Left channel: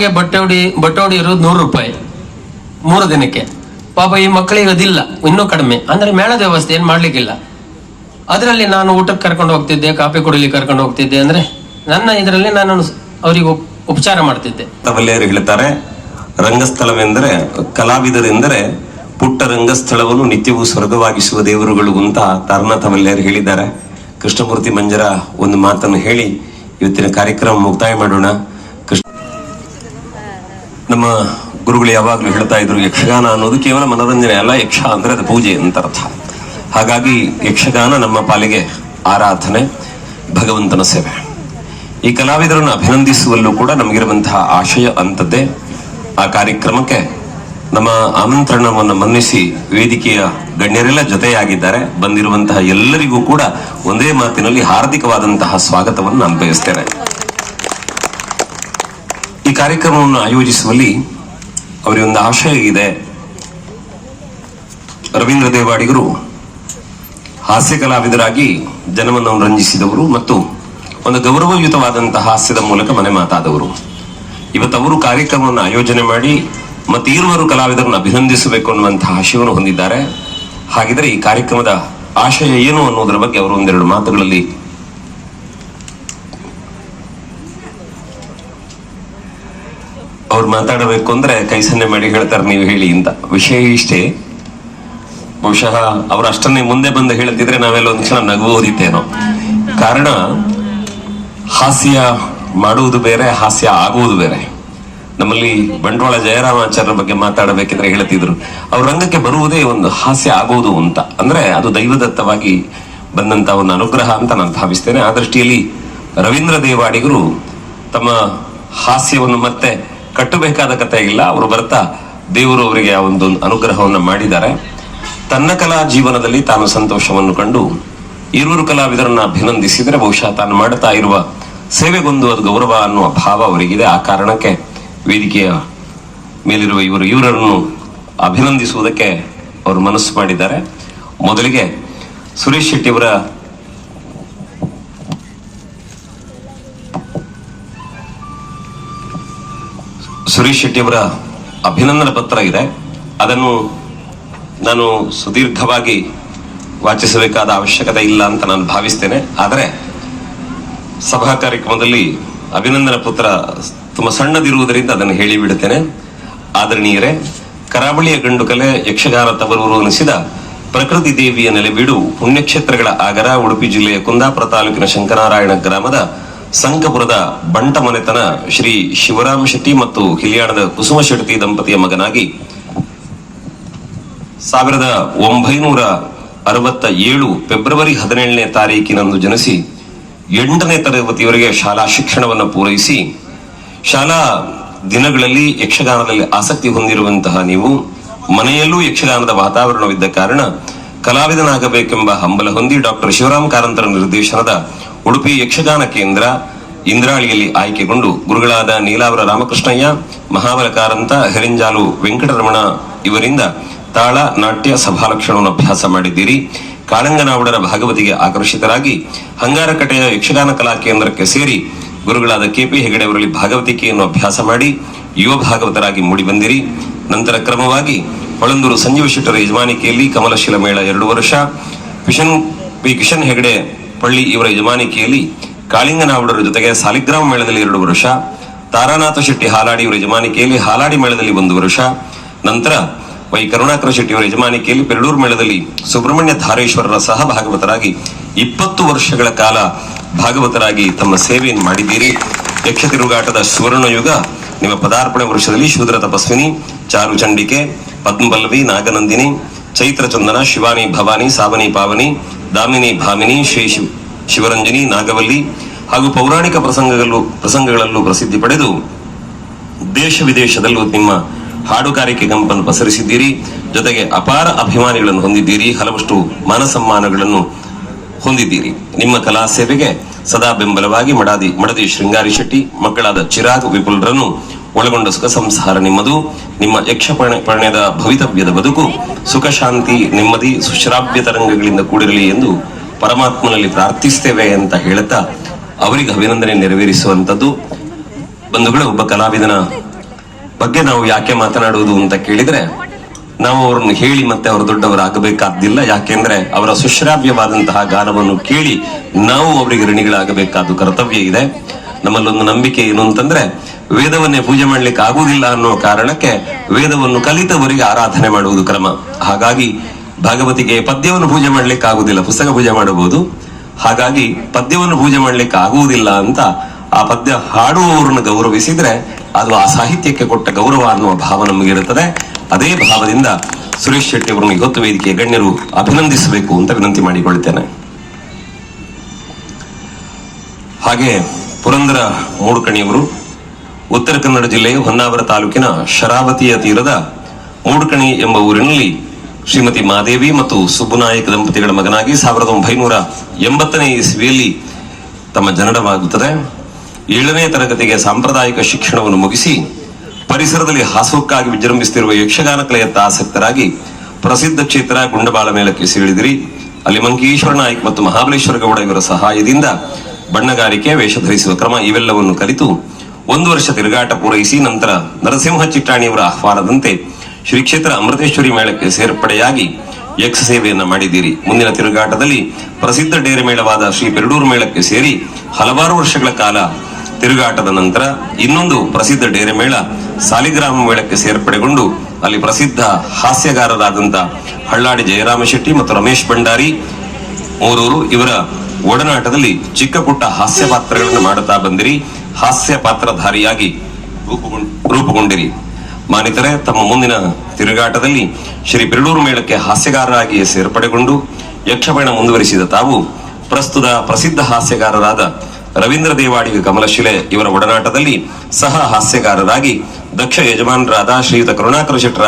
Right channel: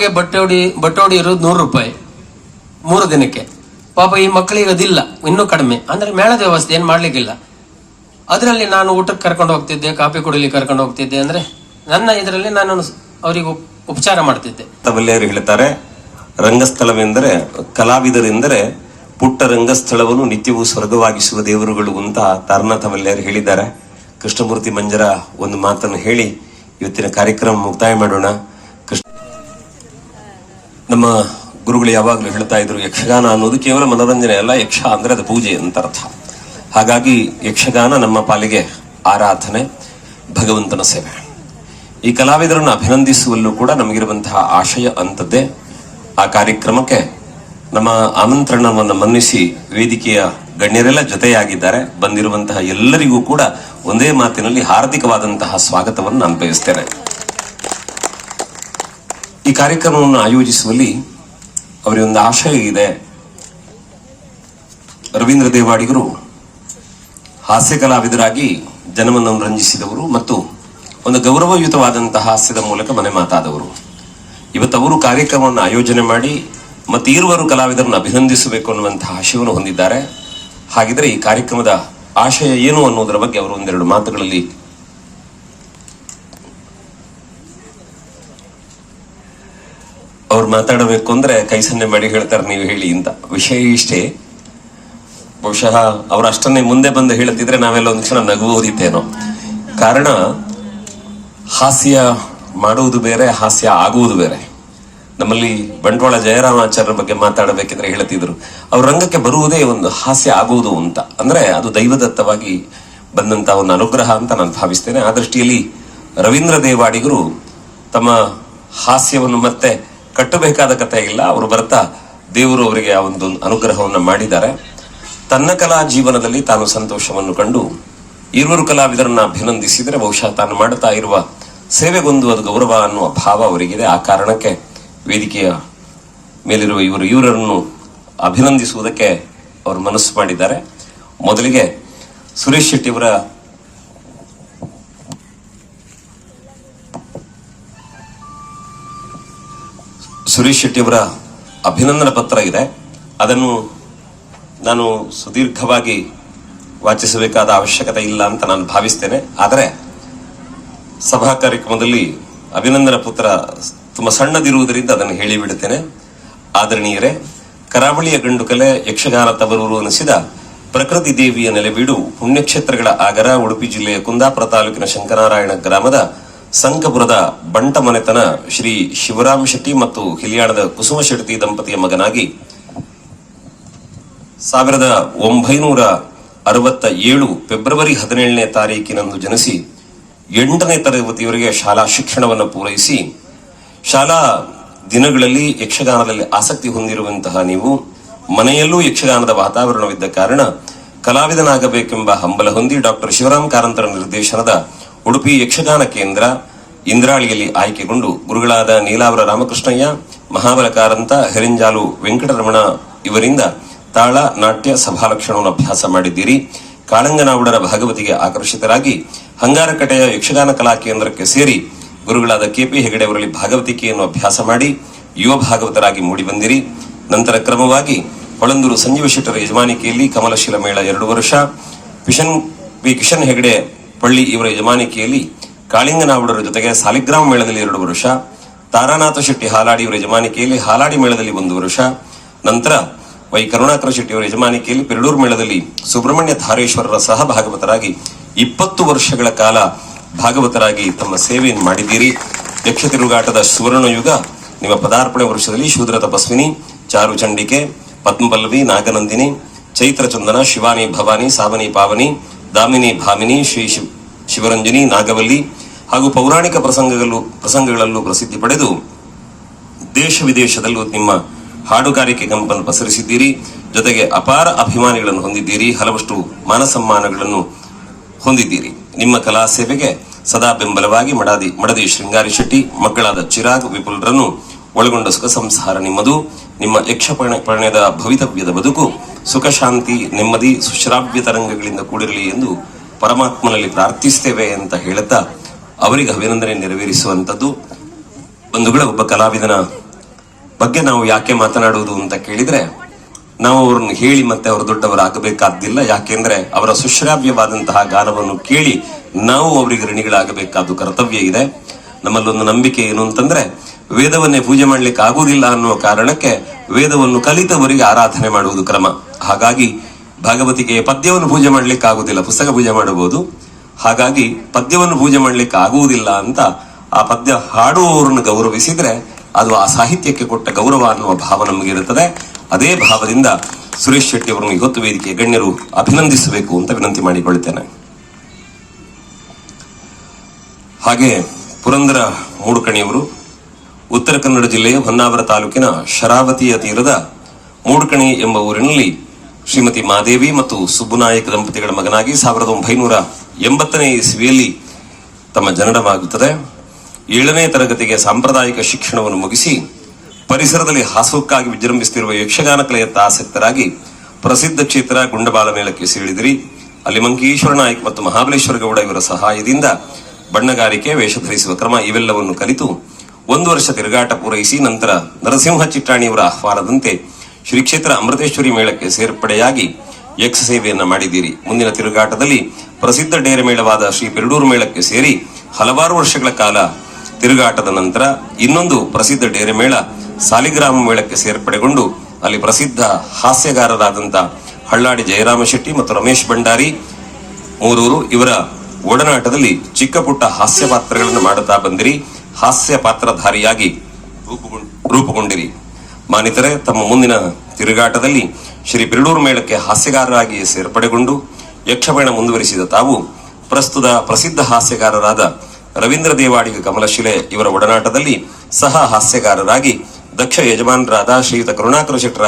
ನಮಗೆ ಬಟ್ಟೆ ಇರೋದು 100 ರೂಪಾಯಿ 3 ದಿನಕ್ಕೆ. ಪಾಪ ಈ ಮಕ್ಕಳಿಗೆ ಅದಿಲ್ಲ, ಇನ್ನೂ ಕಡಿಮೆ. ಅಂದ್ರೆ ಮೇಳದ ವ್ಯವಸ್ಥೆ ಏನ್ ಮಾಡ್ಲಿಕ್ಕಿಲ್ಲ. ಅದರಲ್ಲಿ ನಾನು ಊಟಕ್ಕೆ ಕರ್ಕೊಂಡು ಹೋಗ್ತಿದ್ದೆ, ಕಾಫಿ ಕುಡಿಲಿಕ್ಕೆ ಕರ್ಕೊಂಡು ಹೋಗ್ತಿದ್ದೆ. ಅಂದ್ರೆ ನನ್ನ ಇದರಲ್ಲಿ ನಾನು ಅವರಿಗೆ ಉಪಚಾರ ಮಾಡ್ತಿದ್ದೆ. ತವಲ್ಲೆಯರು ಹೇಳ್ತಾರೆ, ರಂಗಸ್ಥಳವೆಂದರೆ ಕಲಾವಿದರೆಂದರೆ ಪುಟ್ಟ ರಂಗಸ್ಥಳವನ್ನು ನಿತ್ಯವೂ ಸ್ವರ್ಗವಾಗಿಸುವ ದೇವರುಗಳು ಅಂತ ತಾರಣ ತವಲ್ಲೆಯರು ಹೇಳಿದ್ದಾರೆ. ಕೃಷ್ಣಮೂರ್ತಿ ಮಂಜರ ಒಂದು ಮಾತನ್ನು ಹೇಳಿ ಇವತ್ತಿನ ಕಾರ್ಯಕ್ರಮ ಮುಕ್ತಾಯ ಮಾಡೋಣ. ನಮ್ಮ ಗುರುಗಳು ಯಾವಾಗಲೂ ಹೇಳ್ತಾ ಇದ್ರು, ಯಕ್ಷಗಾನ ಅನ್ನೋದು ಕೇವಲ ಮನೋರಂಜನೆ ಅಲ್ಲ, ಯಕ್ಷ ಅಂದ್ರೆ ಅದು ಪೂಜೆ ಅಂತ ಅರ್ಥ. ಹಾಗಾಗಿ ಯಕ್ಷಗಾನ ನಮ್ಮ ಪಾಲಿಗೆ ಆರಾಧನೆ, ಭಗವಂತನ ಸೇವೆ. ಈ ಕಲಾವಿದರನ್ನು ಅಭಿನಂದಿಸುವಲ್ಲೂ ಕೂಡ ನಮಗಿರುವಂತಹ ಆಶಯ ಅಂತದ್ದೇ. ಆ ಕಾರ್ಯಕ್ರಮಕ್ಕೆ ನಮ್ಮ ಆಮಂತ್ರಣವನ್ನು ಮನ್ನಿಸಿ ವೇದಿಕೆಯ ಗಣ್ಯರೆಲ್ಲ ಜೊತೆಯಾಗಿದ್ದಾರೆ. ಬಂದಿರುವಂತಹ ಎಲ್ಲರಿಗೂ ಕೂಡ ಒಂದೇ ಮಾತಿನಲ್ಲಿ ಹಾರ್ದಿಕವಾದಂತಹ ಸ್ವಾಗತವನ್ನು ನಾನು ಬಯಸ್ತೇನೆ. ಈ ಕಾರ್ಯಕ್ರಮವನ್ನು ಆಯೋಜಿಸುವಲ್ಲಿ ಅವರಿಗೊಂದು ಆಶಯ ಇದೆ. ರವೀಂದ್ರ ದೇವಾಡಿಗರು ಹಾಸ್ಯ ಕಲಾವಿದರಾಗಿ ಜನವನ್ನು ರಂಜಿಸಿದವರು ಮತ್ತು ಒಂದು ಗೌರವಯುತವಾದಂತಹ ಹಾಸ್ಯದ ಮೂಲಕ ಮನೆ ಮಾತಾದವರು. ಇವತ್ತು ಅವರು ಕಾರ್ಯಕ್ರಮವನ್ನು ಆಯೋಜನೆ ಮಾಡಿ ಮತ್ತೆ ಇರುವರು ಕಲಾವಿದರನ್ನು ಅಭಿನಂದಿಸಬೇಕು ಅನ್ನುವಂತಹ ಆಶಯವನ್ನು ಹೊಂದಿದ್ದಾರೆ. ಹಾಗಿದ್ರೆ ಈ ಕಾರ್ಯಕ್ರಮದ ಆಶಯ ಏನು ಅನ್ನೋದರ ಬಗ್ಗೆ ಅವರು ಒಂದೆರಡು ಮಾತುಗಳಲ್ಲಿ ಅವ್ರು ಮಾತಾಡಬೇಕು ಅಂದ್ರೆ ಕೈ ಸನ್ನೆ ಮಾಡಿ ಹೇಳ್ತಾರೆ, ನೀವು ಹೇಳಿ ಅಂತ. ವಿಷಯ ಇಷ್ಟೇ, ಬಹುಶಃ ಅವ್ರು ಅಷ್ಟನ್ನೇ ಮುಂದೆ ಬಂದು ಹೇಳುತ್ತಿದ್ರೆ ನಾವೆಲ್ಲ ಒಂದು ಕ್ಷಣ ನಗುವುದಿತ್ತೇನೋ. ಕಾರಣ ಹಾಸ್ಯ ಮಾಡುವುದು ಬೇರೆ, ಹಾಸ್ಯ ಆಗುವುದು ಬೇರೆ. ನಮ್ಮಲ್ಲಿ ಬಂಟ್ವಾಳ ಜಯರಾಮಾಚಾರ್ಯರ ಬಗ್ಗೆ ಮಾತಾಡಬೇಕಿದ್ರೆ ಹೇಳ್ತಿದ್ರು, ಅವ್ರ ರಂಗಕ್ಕೆ ಬರುವುದೇ ಒಂದು ಹಾಸ್ಯ ಆಗುವುದು ಅಂತ. ಅಂದ್ರೆ ಅದು ದೈವದತ್ತವಾಗಿ ಬಂದಂತಹ ಒಂದು ಅನುಗ್ರಹ ಅಂತ ನಾನು ಭಾವಿಸ್ತೇನೆ. ಆ ದೃಷ್ಟಿಯಲ್ಲಿ ರವೀಂದ್ರ ದೇವಾಡಿಗರು ತಮ್ಮ ಹಾಸ್ಯವನ್ನು ಮತ್ತೆ ಕಟ್ಟಬೇಕಾದ ಕಥೆ ಇಲ್ಲ. ಅವರು ಬರ್ತಾ ದೇವರು ಅವರಿಗೆ ಆ ಒಂದು ಅನುಗ್ರಹವನ್ನು ಮಾಡಿದ್ದಾರೆ. ತನ್ನ ಕಲಾ ಜೀವನದಲ್ಲಿ ತಾನು ಸಂತೋಷವನ್ನು ಕಂಡು ಇರುವರು ಕಲಾವಿದರನ್ನ ಅಭಿನಂದಿಸಿದರೆ ಬಹುಶಃ ತಾನು ಮಾಡುತ್ತಾ ಇರುವ ಸೇವೆಗೊಂದು ಅದು ಗೌರವ ಅನ್ನುವ ಭಾವ ಅವರಿಗಿದೆ. ಆ ಕಾರಣಕ್ಕೆ ವೇದಿಕೆಯ ಮೇಲಿರುವ ಇವರನ್ನು ಅಭಿನಂದಿಸುವುದಕ್ಕೆ ಅವರು ಮನಸ್ಸು ಮಾಡಿದ್ದಾರೆ. ಮೊದಲಿಗೆ ಸುರೇಶ್ ಶೆಟ್ಟಿಯವರ ಅಭಿನಂದನಾ ಪತ್ರ ಇದೆ. ಅದನ್ನು ನಾನು ಸುದೀರ್ಘವಾಗಿ ವಾಚಿಸಬೇಕಾದ ಅವಶ್ಯಕತೆ ಇಲ್ಲ ಅಂತ ನಾನು ಭಾವಿಸ್ತೇನೆ. ಆದರೆ ಸಭಾ ಕಾರ್ಯಕ್ರಮದಲ್ಲಿ ಅಭಿನಂದನಾ ಪತ್ರ ತುಂಬಾ ಸಣ್ಣದಿರುವುದರಿಂದ ಅದನ್ನು ಹೇಳಿಬಿಡುತ್ತೇನೆ. ಆದರಣೀಯರೇ, ಕರಾವಳಿಯ ಗಂಡು ಕಲೆ ಯಕ್ಷಗಾನ ತವರೂರು ಅನಿಸಿದ ಪ್ರಕೃತಿ ದೇವಿಯ ನೆಲೆಬೀಡು ಪುಣ್ಯಕ್ಷೇತ್ರಗಳ ಆಗರ ಉಡುಪಿ ಜಿಲ್ಲೆಯ ಕುಂದಾಪುರ ತಾಲೂಕಿನ ಶಂಕರನಾರಾಯಣ ಗ್ರಾಮದ ಸಂಕಪುರದ ಬಂಟ ಮನೆತನ ಶ್ರೀ ಶಿವರಾಮ ಶೆಟ್ಟಿ ಮತ್ತು ಹಿಲಿಯಾಣದ ಕುಸುಮ ಶೆಟ್ಟಿ ದಂಪತಿಯ ಮಗನಾಗಿ 1967 ಫೆಬ್ರವರಿ 17ನೇ ತಾರೀಕಿನಂದು ಜನಿಸಿ 8ನೇ ತರಗತಿಯವರೆಗೆ ಶಾಲಾ ಶಿಕ್ಷಣವನ್ನು ಪೂರೈಸಿ ಶಾಲಾ ದಿನಗಳಲ್ಲಿ ಯಕ್ಷಗಾನದಲ್ಲಿ ಆಸಕ್ತಿ ಹೊಂದಿರುವಂತಹ ನೀವು ಮನೆಯಲ್ಲೂ ಯಕ್ಷಗಾನದ ವಾತಾವರಣವಿದ್ದ ಕಾರಣ ಕಲಾವಿದನಾಗಬೇಕೆಂಬ ಹಂಬಲ ಹೊಂದಿ ಡಾಕ್ಟರ್ ಶಿವರಾಮ್ ಕಾರಂತರ ನಿರ್ದೇಶನದ ಉಡುಪಿ ಯಕ್ಷಗಾನ ಕೇಂದ್ರ ಇಂದ್ರಾಳಿಯಲ್ಲಿ ಆಯ್ಕೆಗೊಂಡು ಗುರುಗಳಾದ ನೀಲಾವರ ರಾಮಕೃಷ್ಣಯ್ಯ, ಮಹಾಬಲ ಕಾರಂತ, ಹೆರಿಂಜಾಲು ವೆಂಕಟರಮಣ ಇವರಿಂದ ತಾಳ, ನಾಟ್ಯ, ಸಭಾಲಕ್ಷಣವನ್ನು ಅಭ್ಯಾಸ ಮಾಡಿದ್ದೀರಿ. ಕಾಳಂಗನಾವುಡರ ಭಾಗವತಿಗೆ ಆಕರ್ಷಿತರಾಗಿ ಹಂಗಾರಕಟೆಯ ಯಕ್ಷಗಾನ ಕಲಾ ಕೇಂದ್ರಕ್ಕೆ ಸೇರಿ ಗುರುಗಳಾದ KP ಹೆಗಡೆ ಅವರಲ್ಲಿ ಭಾಗವತಿಕೆಯನ್ನು ಅಭ್ಯಾಸ ಮಾಡಿ ಯುವ ಭಾಗವತರಾಗಿ ಮೂಡಿಬಂದಿರಿ. ನಂತರ ಕ್ರಮವಾಗಿ ಹೊಳಂದೂರು ಸಂಜೀವ ಶೆಟ್ಟರ ಯಜಮಾನಿಕೆಯಲ್ಲಿ ಕಮಲಶಿಲ ಮೇಳ 2 ವರ್ಷ, ಕಿಶನ್ ಹೆಗಡೆ ಪಳ್ಳಿ ಇವರ ಯಜಮಾನಿಕೆಯಲ್ಲಿ ಕಾಳಿಂಗನಾವುಡರ ಜೊತೆಗೆ ಸಾಲಿಗ್ರಾಮ ಮೇಳದಲ್ಲಿ 2 ವರ್ಷ, ತಾರಾನಾಥ ಶೆಟ್ಟಿ ಹಾಲಾಡಿ ಇವರ ಯಜಮಾನಿಕೆಯಲ್ಲಿ ಹಾಲಾಡಿ ಮೇಳದಲ್ಲಿ 1 ವರ್ಷ, ನಂತರ ವೈ ಕರುಣಾಕರ ಶೆಟ್ಟಿ ಅವರ ಯಜಮಾನಿಕೆಯಲ್ಲಿ ಪೆರಳೂರು ಮೇಳದಲ್ಲಿ ಸುಬ್ರಹ್ಮಣ್ಯ ಧಾರೇಶ್ವರರ ಸಹ ಭಾಗವತರಾಗಿ 20 ವರ್ಷಗಳ ಕಾಲ ಭಾಗವತರಾಗಿ ತಮ್ಮ ಸೇವೆಯನ್ನು ಮಾಡಿದ್ದೀರಿ. ಯಕ್ಷ ತಿರುಗಾಟದ ಸುವರ್ಣ ಯುಗ ನಿಮ್ಮ ಪದಾರ್ಪಣೆ ವರ್ಷದಲ್ಲಿ ಶೂದ್ರ ತಪಸ್ವಿನಿ, ಚಾರು ಚಂಡಿಕೆ, ಪದ್ಮಪಲ್ಲವಿ, ನಾಗನಂದಿನಿ, ಚೈತ್ರ ಚಂದನ, ಶಿವಾನಿ ಭವಾನಿ, ಸಾವನಿ ಪಾವನಿ, ದಾಮಿನಿ ಭಾಮಿನಿ, ಶ್ರೀ ಶಿವರಂಜನಿ, ನಾಗವಲ್ಲಿ ಹಾಗೂ ಪೌರಾಣಿಕ ಪ್ರಸಂಗಗಳಲ್ಲೂ ಪ್ರಸಿದ್ಧಿ ಪಡೆದು ದೇಶ ವಿದೇಶದಲ್ಲೂ ನಿಮ್ಮ ಹಾಡುಗಾರಿಕೆ ಗಂಪನ್ನು ಪಸರಿಸಿದ್ದೀರಿ. ಜೊತೆಗೆ ಅಪಾರ ಅಭಿಮಾನಿಗಳನ್ನು ಹೊಂದಿದ್ದೀರಿ. ಹಲವಷ್ಟು ಮಾನಸಮ್ಮಾನಗಳನ್ನು ಹೊಂದಿದ್ದೀರಿ. ನಿಮ್ಮ ಕಲಾ ಸೇವೆಗೆ ಸದಾ ಬೆಂಬಲವಾಗಿ ಮಡದಿ ಶೃಂಗಾರಿ ಶೆಟ್ಟಿ, ಮಕ್ಕಳಾದ ಚಿರಾಗ್, ವಿಪುಲ್ರನ್ನು ಒಳಗೊಂಡ ಸುಖ ಸಂಸಾರ ನಿಮ್ಮದು. ನಿಮ್ಮ ಯಕ್ಷ ಪರ್ಣ್ಯದ ಭವಿತವ್ಯದ ಬದುಕು ಸುಖ, ಶಾಂತಿ, ನೆಮ್ಮದಿ, ಸುಶ್ರಾವ್ಯ ತರಂಗಗಳಿಂದ ಕೂಡಿರಲಿ ಎಂದು ಪರಮಾತ್ಮನಲ್ಲಿ ಪ್ರಾರ್ಥಿಸ್ತೇವೆ ಅಂತ ಹೇಳುತ್ತಾ ಅವರಿಗೆ ಅಭಿನಂದನೆ ನೆರವೇರಿಸುವಂತದ್ದು. ಬಂಧುಗಳೇ, ಒಬ್ಬ ಕಲಾವಿದನ ಬಗ್ಗೆ ನಾವು ಯಾಕೆ ಮಾತನಾಡುವುದು ಅಂತ ಕೇಳಿದ್ರೆ, ನಾವು ಅವ್ರನ್ನ ಹೇಳಿ ಮತ್ತೆ ಅವರು ದೊಡ್ಡವರಾಗಬೇಕಾದ್ದಿಲ್ಲ. ಯಾಕೆಂದ್ರೆ ಅವರ ಸುಶ್ರಾವ್ಯವಾದಂತಹ ಗಾನವನ್ನು ಕೇಳಿ ನಾವು ಅವರಿಗೆ ಋಣಿಗಳಾಗಬೇಕಾದ ಕರ್ತವ್ಯ ಇದೆ. ನಮ್ಮಲ್ಲೊಂದು ನಂಬಿಕೆ ಏನು ಅಂತಂದ್ರೆ, ವೇದವನ್ನೇ ಪೂಜೆ ಮಾಡ್ಲಿಕ್ಕೆ ಆಗುವುದಿಲ್ಲ ಅನ್ನೋ ಕಾರಣಕ್ಕೆ ವೇದವನ್ನು ಕಲಿತವರಿಗೆ ಆರಾಧನೆ ಮಾಡುವುದು ಕ್ರಮ. ಹಾಗಾಗಿ ಭಾಗವತಿಗೆ ಪದ್ಯವನ್ನು ಪೂಜೆ ಮಾಡ್ಲಿಕ್ಕೆ ಆಗುವುದಿಲ್ಲ, ಪುಸ್ತಕ ಪೂಜೆ ಮಾಡಬಹುದು. ಹಾಗಾಗಿ ಪದ್ಯವನ್ನು ಪೂಜೆ ಮಾಡ್ಲಿಕ್ಕೆ ಆಗುವುದಿಲ್ಲ ಅಂತ ಆ ಪದ್ಯ ಹಾಡುವವರನ್ನು ಗೌರವಿಸಿದ್ರೆ ಅದು ಆ ಸಾಹಿತ್ಯಕ್ಕೆ ಕೊಟ್ಟ ಗೌರವ ಅನ್ನುವ ಭಾವ ನಮಗಿರುತ್ತದೆ. ಅದೇ ಭಾವದಿಂದ ಸುರೇಶ್ ಶೆಟ್ಟಿ ಅವರನ್ನು ಇವತ್ತು ವೇದಿಕೆಯ ಗಣ್ಯರು ಅಭಿನಂದಿಸಬೇಕು ಅಂತ ವಿನಂತಿ ಮಾಡಿಕೊಳ್ಳುತ್ತೇನೆ. ಹಾಗೆ ಪುರಂದರ ಮೂಡುಕಣಿಯವರು ಉತ್ತರ ಕನ್ನಡ ಜಿಲ್ಲೆಯ ಹೊನ್ನಾವರ ತಾಲೂಕಿನ ಶರಾವತಿಯ ತೀರದ ಮೂಡುಕಣಿ ಎಂಬ ಊರಿನಲ್ಲಿ ಶ್ರೀಮತಿ ಮಾದೇವಿ ಮತ್ತು ಸುಬ್ಬುನಾಯಕ ದಂಪತಿಗಳ ಮಗನಾಗಿ 1980ನೇ ಇಸ್ವಿಯಲ್ಲಿ ತಮ್ಮ ಜನನವಾಗುತ್ತದೆ. 7ನೇ ತರಗತಿಗೆ ಸಾಂಪ್ರದಾಯಿಕ ಶಿಕ್ಷಣವನ್ನು ಮುಗಿಸಿ ಪರಿಸರದಲ್ಲಿ ಹಾಸಕ್ಕಾಗಿ ವಿಜೃಂಭಿಸುತ್ತಿರುವ ಯಕ್ಷಗಾನ ಕಲೆಯತ್ತ ಆಸಕ್ತರಾಗಿ ಪ್ರಸಿದ್ಧ ಕ್ಷೇತ್ರ ಗುಂಡಬಾಳ ಮೇಳಕ್ಕೆ ಸೇರಿದಿರಿ. ಅಲ್ಲಿ ಮಂಕೇಶ್ವರ ನಾಯ್ಕ ಮತ್ತು ಮಹಾಬಲೇಶ್ವರ ಗೌಡ ಇವರ ಸಹಾಯದಿಂದ ಬಣ್ಣಗಾರಿಕೆ, ವೇಷ ಧರಿಸುವ ಕ್ರಮ ಇವೆಲ್ಲವನ್ನು ಕಲಿತು 1 ವರ್ಷ ತಿರುಗಾಟ ಪೂರೈಸಿ ನಂತರ ನರಸಿಂಹ ಚಿಟ್ಟಾಣಿಯವರ ಆಹ್ವಾನದಂತೆ ಶ್ರೀ ಕ್ಷೇತ್ರ ಅಮೃತೇಶ್ವರಿ ಮೇಳಕ್ಕೆ ಸೇರ್ಪಡೆಯಾಗಿ ಯಕ್ಷ ಸೇವೆಯನ್ನ ಮಾಡಿದ್ದೀರಿ. ಮುಂದಿನ ತಿರುಗಾಟದಲ್ಲಿ ಪ್ರಸಿದ್ಧ ಡೇರೆ ಮೇಳವಾದ ಶ್ರೀ ಪೆರಡೂರು ಮೇಳಕ್ಕೆ ಸೇರಿ ಹಲವಾರು ವರ್ಷಗಳ ಕಾಲ ತಿರುಗಾಟದ ನಂತರ ಇನ್ನೊಂದು ಪ್ರಸಿದ್ಧ ಡೇರೆ ಮೇಳ ಸಾಲಿಗ್ರಾಮ ಮೇಳಕ್ಕೆ ಸೇರ್ಪಡೆಗೊಂಡು ಅಲ್ಲಿ ಪ್ರಸಿದ್ಧ ಹಾಸ್ಯಗಾರರಾದಂತ ಹಳ್ಳಾಡಿ ಜಯರಾಮ ಶೆಟ್ಟಿ ಮತ್ತು ರಮೇಶ್ ಭಂಡಾರಿ ಮೂರೂರು ಇವರ ಒಡನಾಟದಲ್ಲಿ ಚಿಕ್ಕ ಪುಟ್ಟ ಹಾಸ್ಯ ಪಾತ್ರಗಳನ್ನು ಮಾಡುತ್ತಾ ಬಂದಿರಿ. ಹಾಸ್ಯ ಪಾತ್ರಧಾರಿಯಾಗಿ ರೂಪುಗೊಂಡಿರಿ. ಮಾನಿತರೆ, ತಮ್ಮ ಮುಂದಿನ ತಿರುಗಾಟದಲ್ಲಿ ಶ್ರೀ ಪೆರಡೂರು ಮೇಳಕ್ಕೆ ಹಾಸ್ಯಗಾರರಾಗಿ ಸೇರ್ಪಡೆಗೊಂಡು ಯಕ್ಷಗಾನ ಮುಂದುವರಿಸಿದ ತಾವು ಪ್ರಸ್ತುತ ಪ್ರಸಿದ್ಧ ಹಾಸ್ಯಗಾರರಾದ ರವೀಂದ್ರ ದೇವಾಡಿಗ ಕಮಲಶಿಲೆ ಇವರ ಒಡನಾಟದಲ್ಲಿ ಸಹ ಹಾಸ್ಯಗಾರರಾಗಿ ದಕ್ಷ ಯಜಮಾನರಾದ ಶ್ರೀಯುತ ಕರುಣಾಕರ ಶೆಟ್ಟರ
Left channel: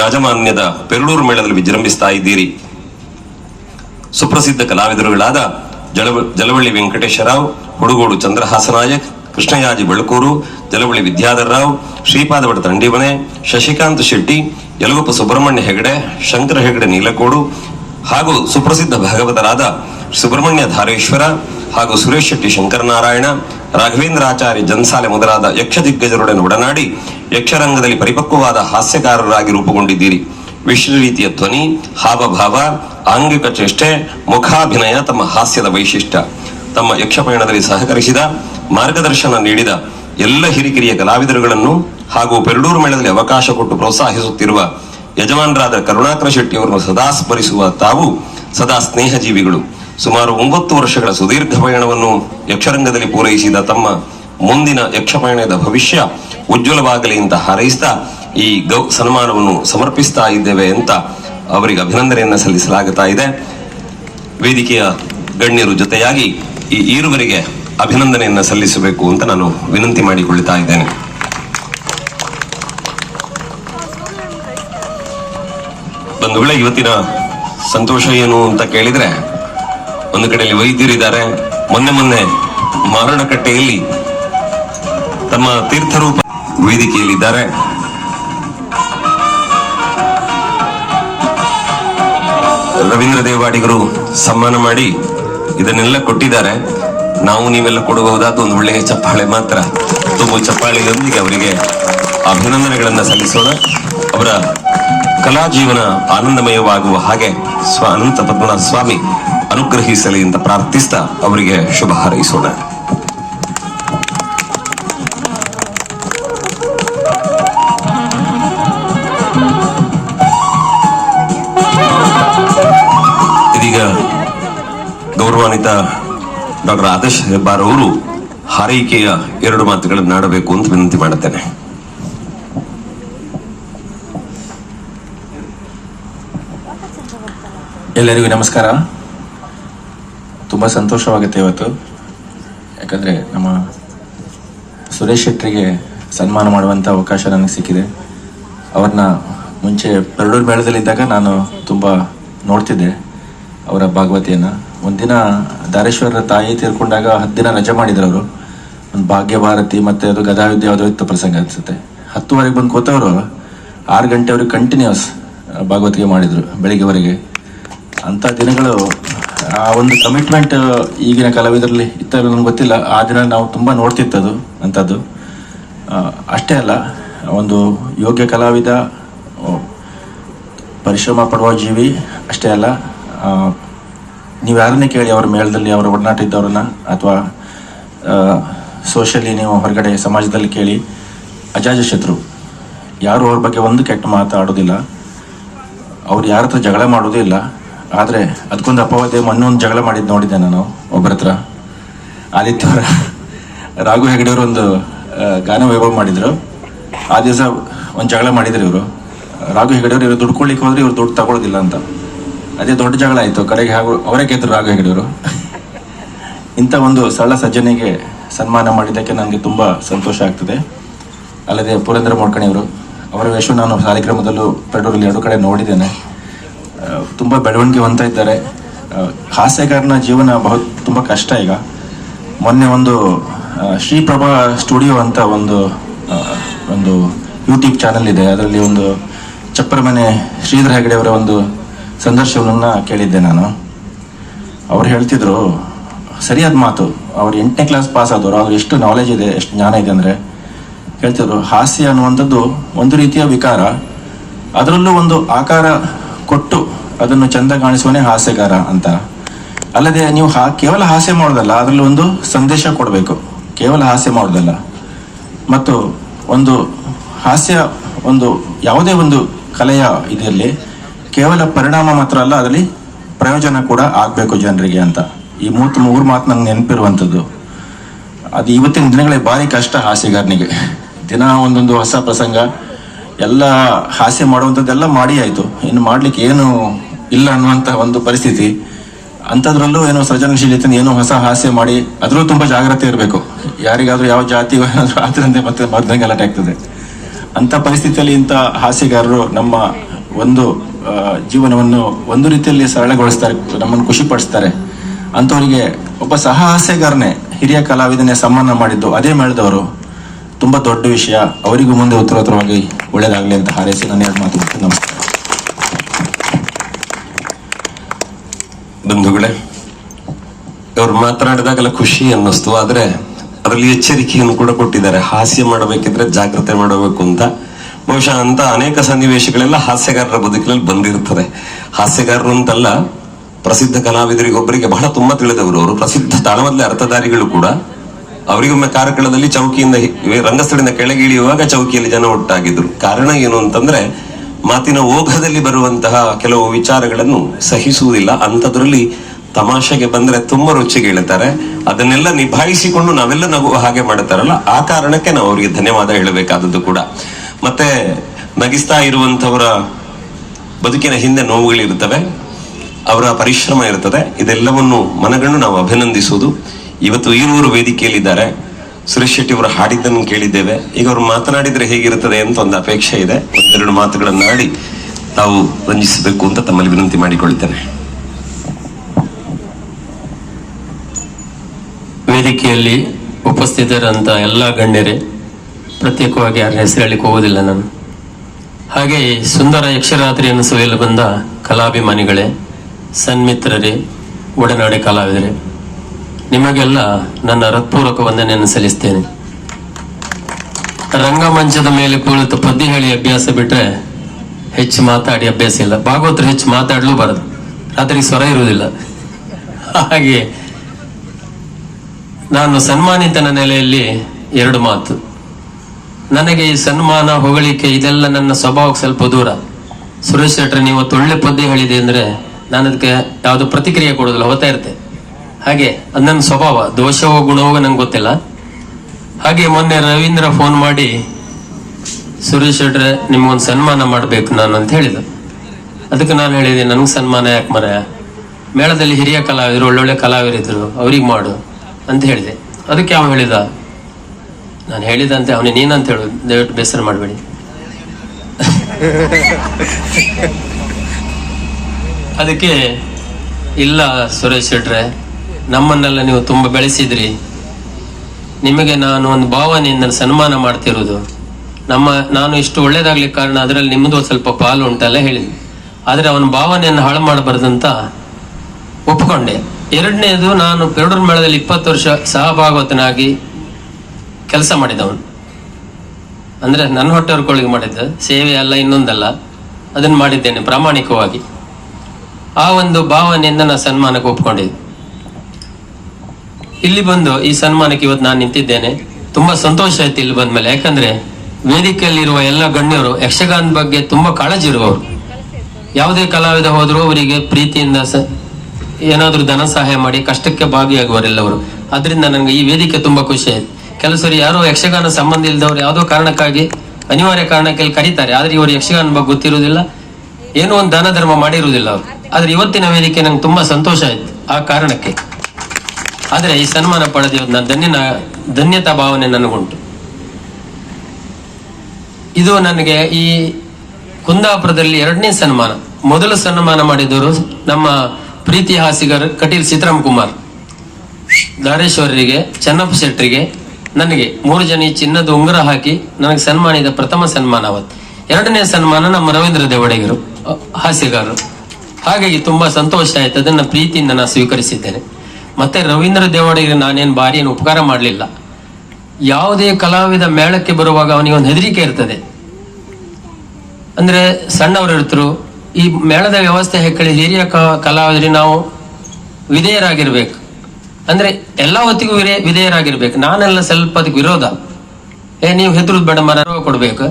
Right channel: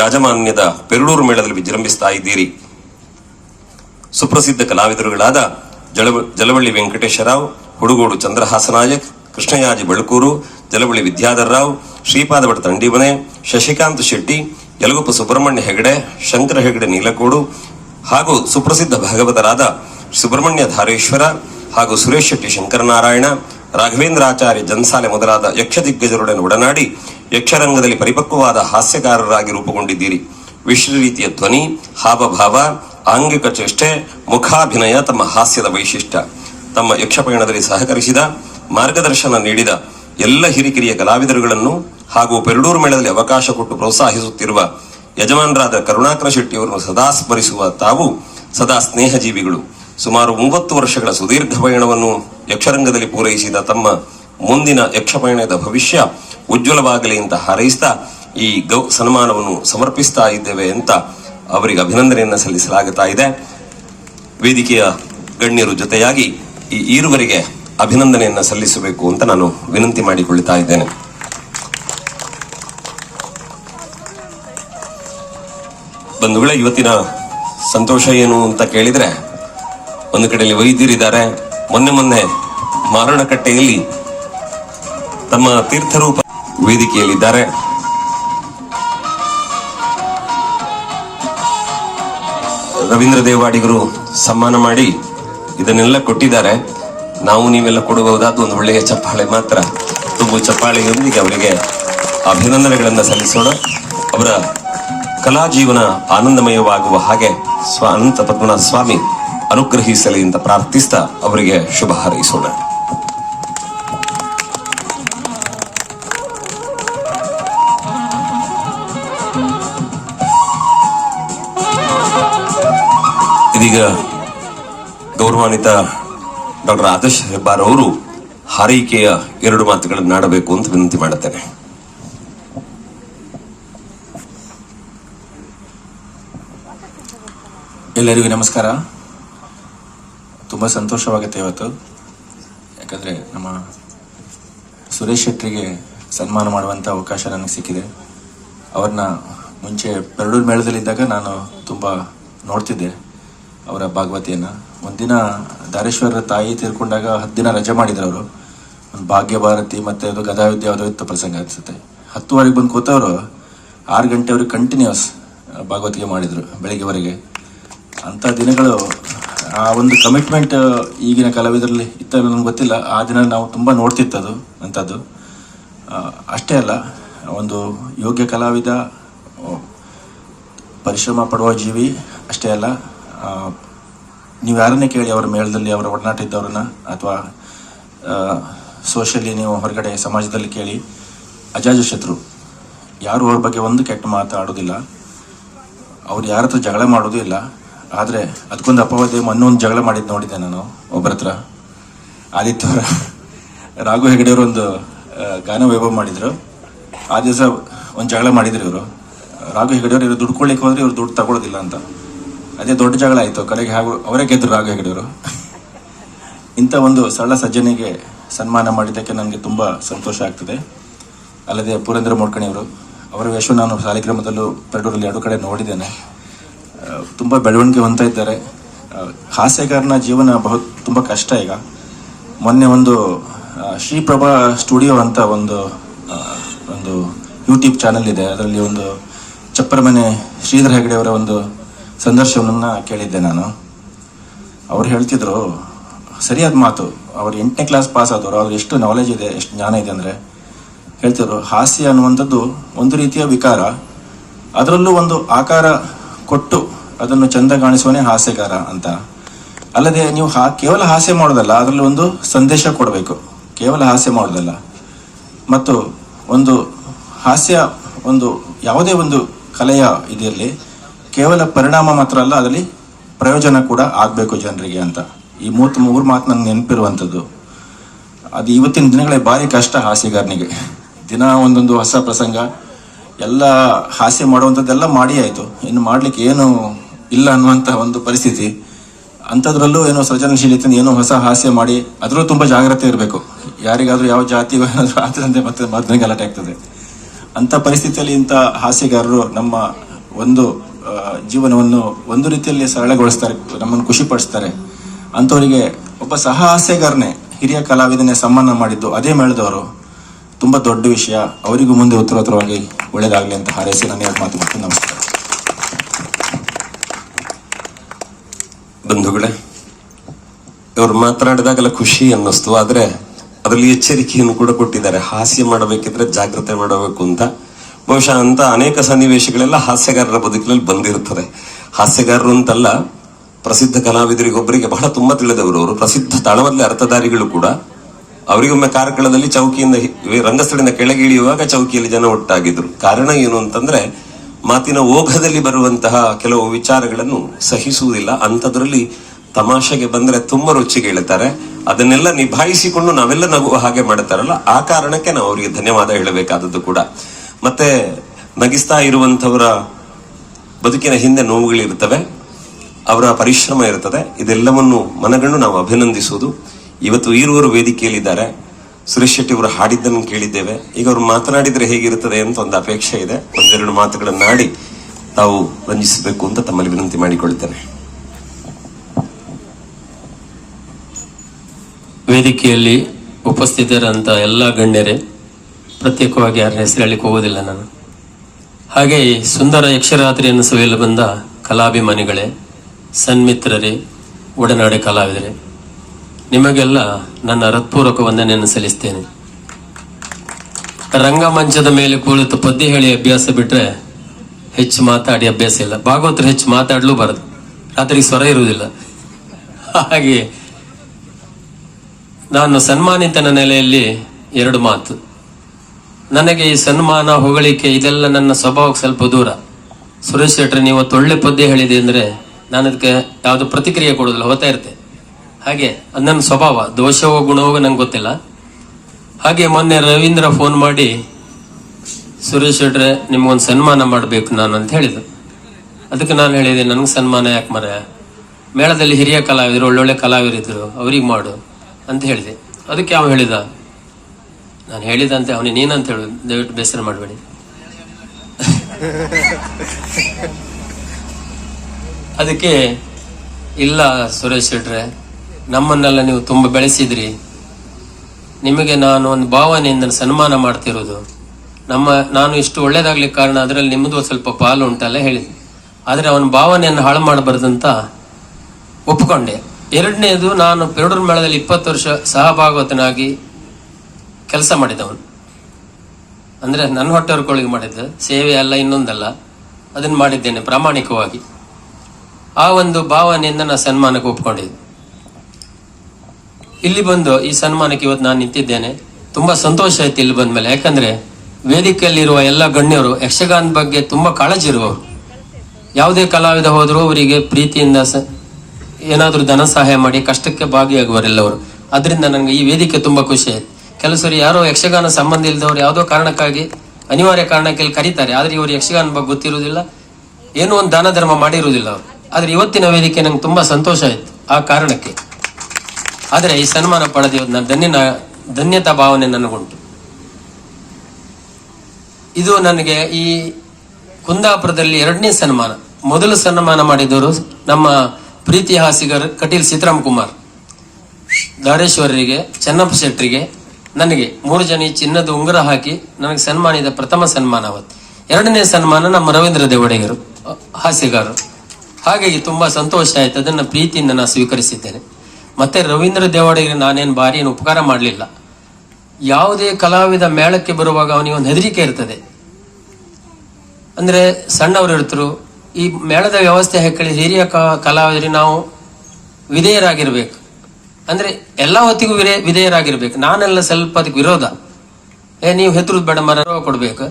ಯಾಜಮಾನ್ಯದ ಪೆರಡೂರು ಮೇಳದಲ್ಲಿ ವಿಜೃಂಭಿಸ್ತಾ ಇದ್ದೀರಿ. ಸುಪ್ರಸಿದ್ಧ ಕಲಾವಿದರುಗಳಾದ ಜಲವಳ್ಳಿ ವೆಂಕಟೇಶರಾವ್, ಹುಡುಗೋಡು ಚಂದ್ರಹಾಸ ನಾಯಕ್, ಕೃಷ್ಣಯಾಜಿ ಬೆಳಕೂರು, ಜಲವಳ್ಳಿ ವಿದ್ಯಾಧರ ರಾವ್, ಶ್ರೀಪಾದವಡ ತಂಡಿಮನೆ, ಶಶಿಕಾಂತ್ ಶೆಟ್ಟಿ, ಯಲಗುಪ್ಪ ಸುಬ್ರಹ್ಮಣ್ಯ ಹೆಗಡೆ, ಶಂಕರ ಹೆಗಡೆ ನೀಲಕೋಡು ಹಾಗೂ ಸುಪ್ರಸಿದ್ಧ ಭಾಗವತರಾದ ಸುಬ್ರಹ್ಮಣ್ಯ ಧಾರೇಶ್ವರ ಹಾಗೂ ಸುರೇಶ್ ಶೆಟ್ಟಿ ಶಂಕರನಾರಾಯಣ, ರಾಘವೇಂದ್ರಾಚಾರ್ಯ ಜನ್ಸಾಲೆ ಮೊದಲಾದ ಯಕ್ಷ ದಿಗ್ಗಜರೊಡನೆ ಒಡನಾಡಿ ಯಕ್ಷರಂಗದಲ್ಲಿ ಪರಿಪಕ್ವವಾದ ಹಾಸ್ಯಗಾರರಾಗಿ ರೂಪುಗೊಂಡಿದ್ದೀರಿ. ವಿಶ್ವ ರೀತಿಯ ಧ್ವನಿ, ಹಾವಭಾವ, ಆಂಗಿಕ ಚೇಷ್ಟೆ, ಮುಖಾಭಿನಯ ತಮ್ಮ ಹಾಸ್ಯದ ವೈಶಿಷ್ಟ್ಯ. ತಮ್ಮ ಯಕ್ಷಪಯಣದಲ್ಲಿ ಸಹಕರಿಸಿದ, ಮಾರ್ಗದರ್ಶನ ನೀಡಿದ ಎಲ್ಲ ಹಿರಿಕಿರಿಯ ಕಲಾವಿದರುಗಳನ್ನು ಹಾಗೂ ಪೆರಡೂರು ಮೇಳದಲ್ಲಿ ಅವಕಾಶ ಕೊಟ್ಟು ಪ್ರೋತ್ಸಾಹಿಸುತ್ತಿರುವ ಯಜಮಾನರಾದ ಕರುಣಾಕರ ಶೆಟ್ಟಿ ಅವರನ್ನು ಸದಾ ಸ್ಮರಿಸುವ ತಾವು ಸದಾ ಸ್ನೇಹಜೀವಿಗಳು. ಸುಮಾರು 9 ವರ್ಷಗಳ ಸುದೀರ್ಘ ಪಯಣವನ್ನು ಯಕ್ಷರಂಗದಲ್ಲಿ ಪೂರೈಸಿದ ತಮ್ಮ ಮುಂದಿನ ಯಕ್ಷಪಯಣದ ಭವಿಷ್ಯ ಉಜ್ವಲವಾಗಲಿ ಅಂತ ಹಾರೈಸ್ತಾ ಈ ಸನ್ಮಾನವನ್ನು ಸಮರ್ಪಿಸ್ತಾ ಇದ್ದೇವೆ ಅಂತ ಅವರಿಗೆ ಅಭಿನಂದನೆಯನ್ನು ಸಲ್ಲಿಸಲಾಗುತ್ತಾ ಇದೆ. ವೇದಿಕೆಯ ಗಣ್ಯರು ಜೊತೆಯಾಗಿ ಈ ಈರುವರಿಗೆ ಅಭಿನಂದನೆಯನ್ನು ಸಲ್ಲಿಸಬೇಕು ಅಂತ ನಾನು ವಿನಂತಿ ಮಾಡಿಕೊಳ್ಳುತ್ತಾ ಇದ್ದೇನೆ. ಬಂಧುಗಳೇ, ಇವತ್ತಿನ ಸಂತೋಷ ಏನು ಅಂತ ಕೇಳಿದ್ರೆ, ಒಂದು ಕಡೆಯಲ್ಲಿ ವೈದ್ಯರಿದ್ದಾರೆ. ಮೊನ್ನೆ ಮಾರಣಕಟ್ಟೆಯಲ್ಲಿ ತಮ್ಮ ತೀರ್ಥರೂಪ ವೇದಿಕೆಯಲ್ಲಿದ್ದಾರೆ. ರವೀಂದ್ರ ದೇವಾಡಿಗರು ಸನ್ಮಾನ ಮಾಡಿ ಇದನ್ನೆಲ್ಲ ಕೊಟ್ಟಿದ್ದಾರೆ. ನಾವು ನೀವೆಲ್ಲ ಕೊಡಬಹುದಾದ ಒಂದು ಒಳ್ಳೆಯ ಚಪ್ಪಾಳೆ ಮಾತ್ರ. ತುಂಬು ಚಪ್ಪಾಳೆಯೊಂದಿಗೆ ಅವರಿಗೆ ಅಭಿನಂದನೆಗಳನ್ನು ಸಲ್ಲಿಸೋಣ. ಅವರ ಕಲಾ ಜೀವನ ಆನಂದಮಯವಾಗುವ ಹಾಗೆ ಅನಂತ ಪದ್ಮನಾಭ ಸ್ವಾಮಿ ಅನುಗ್ರಹಿಸಲಿ ಅಂತ ಪ್ರಾರ್ಥಿಸ್ತಾ ಅವರಿಗೆ ಶುಭ ಹಾರೈಸೋಣ. ಇದೀಗ ಗೌರವಾನ್ವಿತ ಡಾಕ್ಟರ್ ಆದರ್ಶ್ ಹೆಬ್ಬಾರ್ ಅವರು ಹಾರೈಕೆಯ 2 ಮಾತುಗಳನ್ನು ಆಡಬೇಕು ಅಂತ ವಿನಂತಿ ಮಾಡುತ್ತೇನೆ. ಎಲ್ಲರಿಗೂ ನಮಸ್ಕಾರ. ತುಂಬಾ ಸಂತೋಷವಾಗುತ್ತೆ ಇವತ್ತು. ಯಾಕಂದ್ರೆ ನಮ್ಮ ಸುರೇಶ್ ಶೆಟ್ಟರಿಗೆ ಸನ್ಮಾನ ಮಾಡುವಂತ ಅವಕಾಶ ನನಗೆ ಸಿಕ್ಕಿದೆ. ಅವ್ರನ್ನ ಮುಂಚೆ ಪೆರಡೂರು ಮೇಳದಲ್ಲಿದ್ದಾಗ ನಾನು ತುಂಬಾ ನೋಡ್ತಿದ್ದೆ ಅವರ ಭಾಗವತಿಯನ್ನ. ಒಂದಿನ ಧಾರೇಶ್ವರ ತಾಯಿ ತೀರ್ಕೊಂಡಾಗ 10 ದಿನ ರಜೆ ಮಾಡಿದ್ರು ಅವರು. ಒಂದು ಭಾಗ್ಯ ಭಾರತಿ ಮತ್ತೆ ಅದು ಗದಾಯುದ್ಧ ಯಾವುದೋ ಇತ್ತು ಪ್ರಸಂಗ ಅನ್ಸುತ್ತೆ. 10:30 ಬಂದು ಕೂತವರು 6 ಗಂಟೆವರೆಗೆ ಕಂಟಿನ್ಯೂಸ್ ಭಾಗವತಿಗೆ ಮಾಡಿದ್ರು, ಬೆಳಿಗ್ಗೆವರೆಗೆ. ಅಂಥ ದಿನಗಳು, ಆ ಒಂದು ಕಮಿಟ್ಮೆಂಟ್ ಈಗಿನ ಕಲಾವಿದರಲ್ಲಿ ಇತ್ತಲ್ಲ ನನಗೆ ಗೊತ್ತಿಲ್ಲ. ಆ ದಿನ ನಾವು ತುಂಬ ನೋಡ್ತಿತ್ತದು ಅಂಥದ್ದು. ಅಷ್ಟೇ ಅಲ್ಲ, ಒಂದು ಯೋಗ್ಯ ಕಲಾವಿದ, ಪರಿಶ್ರಮ ಪಡುವ ಜೀವಿ ಅಷ್ಟೇ ಅಲ್ಲ, ನೀವು ಯಾರನ್ನೇ ಕೇಳಿ ಅವರ ಮೇಳದಲ್ಲಿ ಅವರ ಒಡನಾಟ ಇದ್ದವ್ರನ್ನ ಅಥವಾ ಸೋಷಿಯಲಿ ನೀವು ಹೊರಗಡೆ ಸಮಾಜದಲ್ಲಿ ಕೇಳಿ ಅಜಾಜಶತ್ರು, ಯಾರು ಅವ್ರ ಬಗ್ಗೆ ಒಂದು ಕೆಟ್ಟ ಮಾತಾಡೋದಿಲ್ಲ, ಅವ್ರು ಯಾರ ಹತ್ರ ಜಗಳ ಮಾಡೋದೇ ಇಲ್ಲ. ಆದರೆ ಅದಕ್ಕೊಂದು ಅಪವಾದ್ಯ, ಮೊನ್ನೊಂದು ಜಗಳ ಮಾಡಿದ್ದು ನೋಡಿದ್ದೆ ನಾನು ಒಬ್ಬರ ಹತ್ರ. ಆದಿತ್ಯವಾರ ರಾಘು ಹೆಗಡೆಯವರು ಒಂದು ಗಾನ ವೈಭವ ಮಾಡಿದ್ರು. ಆ ದಿವಸ ಒಂದು ಜಗಳ ಮಾಡಿದ್ರು ಇವರು. ರಾಘು ಹೆಗಡೆಯವರು ಇವರು ದುಡ್ಡು ಕೊಡ್ಲಿಕ್ಕೆ ಹೋದ್ರೆ ಇವ್ರು ದುಡ್ಡು ತಗೊಳ್ಳೋದಿಲ್ಲ ಅಂತ. ಅದೇ ದೊಡ್ಡ ಜಗಳ ಆಯಿತು. ಕಡೆಗೆ ಅವರೇ ಗೆದ್ರು ರಾಘು ಹೆಗಡೆಯವರು. ಇಂಥ ಒಂದು ಸರಳ ಸಜ್ಜನಿಗೆ ಸನ್ಮಾನ ಮಾಡಿದ್ದಕ್ಕೆ ನನಗೆ ತುಂಬ ಸಂತೋಷ ಆಗ್ತದೆ. ಅಲ್ಲದೆ ಪುರಂದರ ಮೋಡ್ಕಣಿಯವರು, ಅವರ ವೇಷ ನಾನು ಸಾಲಿಗ್ರಾಮದಲ್ಲೂ ಪೆಡೂರಲ್ಲಿ 2 ಕಡೆ ನೋಡಿದ್ದೇನೆ. ತುಂಬ ಬೆಳವಣಿಗೆ ಹೊಂತ ಇದ್ದಾರೆ. ಹಾಸ್ಯಗಾರನ ಜೀವನ ತುಂಬ ಕಷ್ಟ. ಈಗ ಮೊನ್ನೆ ಒಂದು ಶ್ರೀಪ್ರಭಾ ಸ್ಟುಡಿಯೋ ಅಂತ ಒಂದು ಯೂಟ್ಯೂಬ್ ಚಾನೆಲ್ ಇದೆ. ಅದರಲ್ಲಿ ಒಂದು ಚಪ್ಪರಮನೆ ಶ್ರೀಧರ ಹೆಗಡೆ ಅವರ ಒಂದು ಸಂದರ್ಶನವನ್ನು ಕೇಳಿದ್ದೆ ನಾನು. ಅವ್ರು ಹೇಳ್ತಿದ್ರು, ಸರಿಯಾದ ಮಾತು. ಅವ್ರು 8ನೇ ಕ್ಲಾಸ್ ಪಾಸ್ ಆದವರು, ಅವ್ರು ಎಷ್ಟು ನಾಲೆಜ್ ಇದೆ, ಎಷ್ಟು ಜ್ಞಾನ ಇದೆ ಅಂದರೆ ಹೇಳ್ತಿದ್ರು, ಹಾಸ್ಯ ಅನ್ನುವಂಥದ್ದು ಒಂದು ರೀತಿಯ ವಿಕಾರ, ಅದರಲ್ಲೂ ಒಂದು ಆಕಾರ ಕೊಟ್ಟು ಅದನ್ನು ಚಂದ ಕಾಣಿಸುವನೇ ಹಾಸ್ಯಗಾರ ಅಂತ. ಅಲ್ಲದೆ ನೀವು ಕೇವಲ ಹಾಸ್ಯ ಮಾಡೋದಲ್ಲ, ಅದರಲ್ಲಿ ಒಂದು ಸಂದೇಶ ಕೊಡಬೇಕು. ಕೇವಲ ಹಾಸ್ಯ ಮಾಡೋದಲ್ಲ, ಮತ್ತು ಒಂದು ಹಾಸ್ಯ ಒಂದು ಯಾವುದೇ ಒಂದು ಕಲೆಯ ಇದರಲ್ಲಿ ಕೇವಲ ಪರಿಣಾಮ ಮಾತ್ರ ಅಲ್ಲ, ಅದರಲ್ಲಿ ಪ್ರಯೋಜನ ಕೂಡ ಆಗಬೇಕು ಜನರಿಗೆ ಅಂತ. ಈ 3 ಮಾತು ನಂಗೆ ನೆನಪಿರುವಂಥದ್ದು. ಅದು ಇವತ್ತಿನ ದಿನಗಳೇ ಭಾರಿ ಕಷ್ಟ ಹಾಸ್ಯಗಾರನಿಗೆ. ದಿನ ಒಂದೊಂದು ಹೊಸ ಪ್ರಸಂಗ, ಎಲ್ಲ ಹಾಸ್ಯ ಮಾಡುವಂಥದ್ದೆಲ್ಲ ಮಾಡಿ ಆಯಿತು, ಇನ್ನು ಮಾಡ್ಲಿಕ್ಕೆ ಏನು ಇಲ್ಲ ಅನ್ನುವಂಥ ಒಂದು ಪರಿಸ್ಥಿತಿ. ಅಂಥದ್ರಲ್ಲೂ ಏನೋ ಸೃಜನಶೀಲತೆ, ಏನೋ ಹೊಸ ಹಾಸ್ಯ ಮಾಡಿ, ಅದರಲ್ಲೂ ತುಂಬ ಜಾಗ್ರತೆ ಇರಬೇಕು. ಯಾರಿಗಾದ್ರೂ ಯಾವ ಜಾತಿ ಆದ್ರಂತೆ ಮತ್ತೆ ಮೊದಲೇ ಗಲಾಟೆ ಆಗ್ತದೆ. ಅಂಥ ಪರಿಸ್ಥಿತಿಯಲ್ಲಿ ಇಂಥ ಹಾಸ್ಯಗಾರರು ನಮ್ಮ ಒಂದು ಜೀವನವನ್ನು ಒಂದು ರೀತಿಯಲ್ಲಿ ಸರಳಗೊಳಿಸ್ತಾರೆ, ನಮ್ಮನ್ನು ಖುಷಿಪಡಿಸ್ತಾರೆ. ಅಂಥವರಿಗೆ ಒಬ್ಬ ಸಹ ಹಾಸ್ಯಗಾರನೇ, ಹಿರಿಯ ಕಲಾವಿದನೇ ಸನ್ಮಾನ ಮಾಡಿದ್ದು ಅದೇ ಮೇಳದವರು ತುಂಬ ದೊಡ್ಡ ವಿಷಯ. ಅವರಿಗೂ ಮುಂದೆ ಉತ್ತರೋತ್ತರವಾಗಿ ಒಳ್ಳೆಯದಾಗಲಿ ಅಂತ ಹಾರೈಸಿ ನನ್ನ ಮಾತು. ನಮಸ್ಕಾರ. ಬಂಧುಗಳೇ, ಅವ್ರು ಮಾತನಾಡಿದಾಗೆಲ್ಲ ಖುಷಿ ಅನ್ನಿಸ್ತು, ಆದ್ರೆ ಅದರಲ್ಲಿ ಎಚ್ಚರಿಕೆಯನ್ನು ಕೂಡ ಕೊಟ್ಟಿದ್ದಾರೆ. ಹಾಸ್ಯ ಮಾಡಬೇಕಿದ್ರೆ ಜಾಗ್ರತೆ ಮಾಡಬೇಕು ಅಂತ. ಬಹುಶಃ ಅಂತ ಅನೇಕ ಸನ್ನಿವೇಶಗಳೆಲ್ಲ ಹಾಸ್ಯಗಾರರ ಬದುಕಿನಲ್ಲಿ ಬಂದಿರ್ತದೆ. ಹಾಸ್ಯಗಾರರು ಅಂತಲ್ಲ, ಪ್ರಸಿದ್ಧ ಕಲಾವಿದರಿಗೊಬ್ಬರಿಗೆ ಬಹಳ ತುಂಬಾ ತಿಳಿದವರು ಅವರು, ಪ್ರಸಿದ್ಧ ತಾಳಮದ್ದಲೆ ಅರ್ಥಧಾರಿಗಳು ಕೂಡ. ಅವರಿಗೊಮ್ಮೆ ಕಾರ್ಕಳದಲ್ಲಿ ಚೌಕಿಯಿಂದ ರಂಗಸ್ಥಳದಿಂದ ಕೆಳಗೆ ಇಳಿಯುವಾಗ ಚೌಕಿಯಲ್ಲಿ ಜನ ಒಟ್ಟಾಗಿದ್ರು. ಕಾರಣ ಏನು ಅಂತಂದ್ರೆ, ಮಾತಿನ ಓಘದಲ್ಲಿ ಬರುವಂತಹ ಕೆಲವು ವಿಚಾರಗಳನ್ನು ಸಹಿಸುವುದಿಲ್ಲ. ಅಂಥದ್ರಲ್ಲಿ ತಮಾಷೆಗೆ ಬಂದ್ರೆ ತುಂಬಾ ರುಚಿಗೆ ಹೇಳ್ತಾರೆ. ಅದನ್ನೆಲ್ಲ ನಿಭಾಯಿಸಿಕೊಂಡು ನಾವೆಲ್ಲ ನಗುವ ಹಾಗೆ ಮಾಡ್ತಾರಲ್ಲ, ಆ ಕಾರಣಕ್ಕೆ ನಾವು ಅವರಿಗೆ ಧನ್ಯವಾದ ಹೇಳಬೇಕಾದದ್ದು ಕೂಡ. ಮತ್ತೆ ನಗಿಸ್ತಾ ಇರುವಂತವರ ಬದುಕಿನ ಹಿಂದೆ ನೋವುಗಳಿರ್ತವೆ, ಅವರ ಪರಿಶ್ರಮ ಇರ್ತದೆ. ಇದೆಲ್ಲವನ್ನು ಮನಗಂಡು ನಾವು ಅಭಿನಂದಿಸುವುದು. ಇವತ್ತು ಈರೂರು ವೇದಿಕೆಯಲ್ಲಿದ್ದಾರೆ. ಸುರೇಶ್ ಶೆಟ್ಟಿ ಅವರು ಹಾಡಿದ್ದನ್ನು ಕೇಳಿದ್ದೇವೆ. ಈಗ ಅವರು ಮಾತನಾಡಿದ್ರೆ ಹೇಗಿರುತ್ತದೆ ಅಂತ ಒಂದು ಅಪೇಕ್ಷೆ ಇದೆ. 1-2 ಮಾತುಗಳನ್ನಾಡಿ ನಾವು ರಂಜಿಸಬೇಕು ಅಂತ ತಮ್ಮಲ್ಲಿ ವಿನಂತಿ ಮಾಡಿಕೊಳ್ತೇನೆ. ವೇದಿಕೆಯಲ್ಲಿ ಉಪಸ್ಥಿತರಂತ ಎಲ್ಲ ಗಣ್ಯರೇ, ಪ್ರತ್ಯೇಕವಾಗಿ ಯಾರ ಹೆಸರು ಹೇಳಲಿಕ್ಕೆ ಹೋಗೋದಿಲ್ಲ ನಾನು. ಹಾಗೆ ಈ ಸುಂದರ ಯಕ್ಷರಾತ್ರಿಯನ್ನು ಸವಿಯಲು ಬಂದ ಕಲಾಭಿಮಾನಿಗಳೇ, ಸನ್ಮಿತ್ರರೇ, ಒಡನಾಡಿ ಕಲಾವಿದರೇ, ನಿಮಗೆಲ್ಲ ನನ್ನ ಹೃತ್ಪೂರ್ವಕ ವಂದನೆಯನ್ನು ಸಲ್ಲಿಸ್ತೇನೆ. ರಂಗಮಂಚದ ಮೇಲೆ ಕುಳಿತು ಪದ್ಯ ಹೇಳಿ ಅಭ್ಯಾಸ ಬಿಟ್ರೆ ಹೆಚ್ಚು ಮಾತಾಡಿ ಅಭ್ಯಾಸ ಇಲ್ಲ. ಭಾಗವತರು ಹೆಚ್ಚು ಮಾತಾಡಲೂ ಬರದು, ರಾತ್ರಿ ಸ್ವರ ಇರುವುದಿಲ್ಲ. ಹಾಗೆ ನಾನು ಸನ್ಮಾನಿತನ ನೆಲೆಯಲ್ಲಿ 2 ಮಾತು. ನನಗೆ ಈ ಸನ್ಮಾನ, ಹೊಗಳಿಕೆ ಇದೆಲ್ಲ ನನ್ನ ಸ್ವಭಾವಕ್ಕೆ ಸ್ವಲ್ಪ ದೂರ. ಸುರೇಶ್ ಶೆಟ್ರೆ, ನೀವು ಒಳ್ಳೆ ಪದ್ಯ ಹೇಳಿದೆ ಅಂದ್ರೆ ನಾನು ಅದಕ್ಕೆ ಯಾವುದು ಪ್ರತಿಕ್ರಿಯೆ ಕೊಡೋದಿಲ್ಲ, ಹೋಗ್ತಾ ಇರ್ತೆ. ಹಾಗೆ ಅದು ನನ್ನ ಸ್ವಭಾವ, ದೋಷವೋ ಗುಣವೋ ನಂಗೆ ಗೊತ್ತಿಲ್ಲ. ಹಾಗೆ ಮೊನ್ನೆ ರವೀಂದ್ರ ಫೋನ್ ಮಾಡಿ, ಸುರೇಶ್ ಶೆಟ್ರೆ ನಿಮ್ಗೊಂದು ಸನ್ಮಾನ ಮಾಡ್ಬೇಕು ನಾನು ಅಂತ ಹೇಳಿದ. ಅದಕ್ಕೆ ನಾನು ಹೇಳಿದೆ, ನನಗೆ ಸನ್ಮಾನ ಯಾಕೆ ಮರೆಯ, ಮೇಳದಲ್ಲಿ ಹಿರಿಯ ಕಲಾವಿದರು, ಒಳ್ಳೊಳ್ಳೆ ಕಲಾವಿದರಿದ್ರು, ಅವ್ರಿಗೆ ಮಾಡು ಅಂತ ಹೇಳಿದೆ. ಅದಕ್ಕೆ ಅವನು ಹೇಳಿದ, ನಾನು ಹೇಳಿದಂತೆ ಅವನೇ ನೀನಂತ ಹೇಳು, ದಯವಿಟ್ಟು ಬೇಸರ ಮಾಡಬೇಡಿ. ಅದಕ್ಕೆ ಇಲ್ಲ ಸುರೇಶ್ ಶೆಟ್ರೆ, ನಮ್ಮನ್ನೆಲ್ಲ ನೀವು ತುಂಬಾ ಬೆಳೆಸಿದ್ರಿ, ನಿಮಗೆ ನಾನು ಒಂದು ಭಾವನೆಯಿಂದ ಸನ್ಮಾನ ಮಾಡ್ತಿರೋದು, ನಾನು ಇಷ್ಟು ಒಳ್ಳೇದಾಗ್ಲಿಕ್ಕೆ ಕಾರಣ ಅದರಲ್ಲಿ ನಿಮ್ಮದು ಸ್ವಲ್ಪ ಪಾಲು ಉಂಟಲ್ಲ ಹೇಳಿದ್ವಿ. ಆದ್ರೆ ಅವನ ಭಾವನೆಯನ್ನು ಹಾಳು ಮಾಡಬಾರ್ದಂತ ಒಪ್ಕೊಂಡೆ. 2ನೇದು, ನಾನು ಪೆರಡೂರು ಮೇಳದಲ್ಲಿ 20 ವರ್ಷ ಸಹಭಾಗವತನಾಗಿ ಕೆಲಸ ಮಾಡಿದವನು. ಅಂದ್ರೆ ನನ್ನ ಹೊಟ್ಟೆ ಹೊರ್ಕೊಳ್ಳಿಗೆ ಮಾಡಿದ್ದ ಸೇವೆ ಅಲ್ಲ, ಇನ್ನೊಂದಲ್ಲ, ಅದನ್ನ ಮಾಡಿದ್ದೇನೆ ಪ್ರಾಮಾಣಿಕವಾಗಿ. ಆ ಒಂದು ಭಾವನೆಯಿಂದ ನಾನು ಸನ್ಮಾನಕ್ಕೆ ಒಪ್ಕೊಂಡಿದ್ದೆ. ಇಲ್ಲಿ ಬಂದು ಈ ಸನ್ಮಾನಕ್ಕೆ ಇವತ್ತು ನಾನು ನಿಂತಿದ್ದೇನೆ. ತುಂಬಾ ಸಂತೋಷ ಆಯ್ತು ಇಲ್ಲಿ ಬಂದ್ಮೇಲೆ. ಯಾಕಂದ್ರೆ ವೇದಿಕೆಯಲ್ಲಿರುವ ಎಲ್ಲ ಗಣ್ಯರು ಯಕ್ಷಗಾನ ಬಗ್ಗೆ ತುಂಬಾ ಕಾಳಜಿ ಇರುವವರು. ಯಾವುದೇ ಕಲಾವಿದ ಹೋದ್ರು ಅವರಿಗೆ ಪ್ರೀತಿಯಿಂದ ಏನಾದ್ರೂ ಧನ ಸಹಾಯ ಮಾಡಿ ಕಷ್ಟಕ್ಕೆ ಭಾಗಿಯಾಗುವರೆಲ್ಲವರು. ಅದರಿಂದ ನನಗೆ ಈ ವೇದಿಕೆ ತುಂಬಾ ಖುಷಿ ಆಯ್ತು. ಕೆಲಸರು ಯಾರೋ ಯಕ್ಷಗಾನ ಸಂಬಂಧ ಇಲ್ಲದವ್ರು ಯಾವುದೋ ಕಾರಣಕ್ಕಾಗಿ ಅನಿವಾರ್ಯ ಕಾರಣಕ್ಕೆ ಕರೀತಾರೆ, ಆದ್ರೆ ಇವರು ಯಕ್ಷಗಾನ ಬಗ್ಗೆ ಗೊತ್ತಿರುವುದಿಲ್ಲ, ಏನೋ ಒಂದು ದಾನ ಧರ್ಮ ಮಾಡಿರುವುದಿಲ್ಲ ಅವರು. ಆದ್ರೆ ಇವತ್ತಿನ ವೇದಿಕೆ ನಂಗೆ ತುಂಬಾ ಸಂತೋಷ ಆಯ್ತು ಆ ಕಾರಣಕ್ಕೆ. ಆದ್ರೆ ಈ ಸನ್ಮಾನ ಪಡೆದ ನಾನು ಧನ್ಯತಾ ಭಾವನೆ ನನಗುಂಟು. ಇದು ನನಗೆ ಈ ಕುಂದಾಪುರದಲ್ಲಿ 2ನೇ ಸನ್ಮಾನ. ಮೊದಲು ಸನ್ಮಾನ ಮಾಡಿದವರು ನಮ್ಮ ಪ್ರೀತಿ ಹಾಸಿಗರ್ ಕಟೀಲ್ ಸೀತಾರಾಮ್ ಕುಮಾರ್, ದಾರೇಶ್ವರರಿಗೆ, ಚೆನ್ನಪ್ಪ ಶೆಟ್ಟರಿಗೆ, ನನಗೆ 3 ಜನ ಈ ಚಿನ್ನದ ಉಂಗುರ ಹಾಕಿ ನನಗೆ ಸನ್ಮಾನಿದ ಪ್ರಥಮ ಸನ್ಮಾನ ಅವತ್ತು. 2ನೇ ಸನ್ಮಾನ ನಮ್ಮ ರವೀಂದ್ರ ದೇವಡಿಗರು ಹಾಸ್ಯಗಾರರು. ಹಾಗಾಗಿ ತುಂಬಾ ಸಂತೋಷ ಆಯ್ತು. ಅದನ್ನ ಪ್ರೀತಿಯಿಂದ ನಾನು ಸ್ವೀಕರಿಸಿದ್ದೇನೆ. ಮತ್ತೆ ರವೀಂದ್ರ ದೇವಡಿಗರಿಗೆ ನಾನೇನು ಭಾರಿ ಏನು ಉಪಕಾರ ಮಾಡಲಿಲ್ಲ. ಯಾವುದೇ ಕಲಾವಿದ ಮೇಳಕ್ಕೆ ಬರುವಾಗ ಅವನಿಗೆ ಒಂದು ಹೆದರಿಕೆ ಇರ್ತದೆ. ಅಂದ್ರೆ ಸಣ್ಣವರು ಇರ್ತರು. ಈ ಮೇಳದ ವ್ಯವಸ್ಥೆ ಹೇಳಿ ಹಿರಿಯ ಕಲಾವಿದರಿಗೆ ನಾವು ವಿಧೇಯರಾಗಿರ್ಬೇಕು. ಅಂದ್ರೆ ಎಲ್ಲಾ ಹೊತ್ತಿಗೂ ವಿಧೇಯರಾಗಿರ್ಬೇಕು. ನಾನೆಲ್ಲ ಸ್ವಲ್ಪ ಅದಕ್ಕೆ ವಿರೋಧ. ನೀವು ಹೆದರುದು ಬೇಡ, ಮರ ಕೊಡ್ಬೇಕು.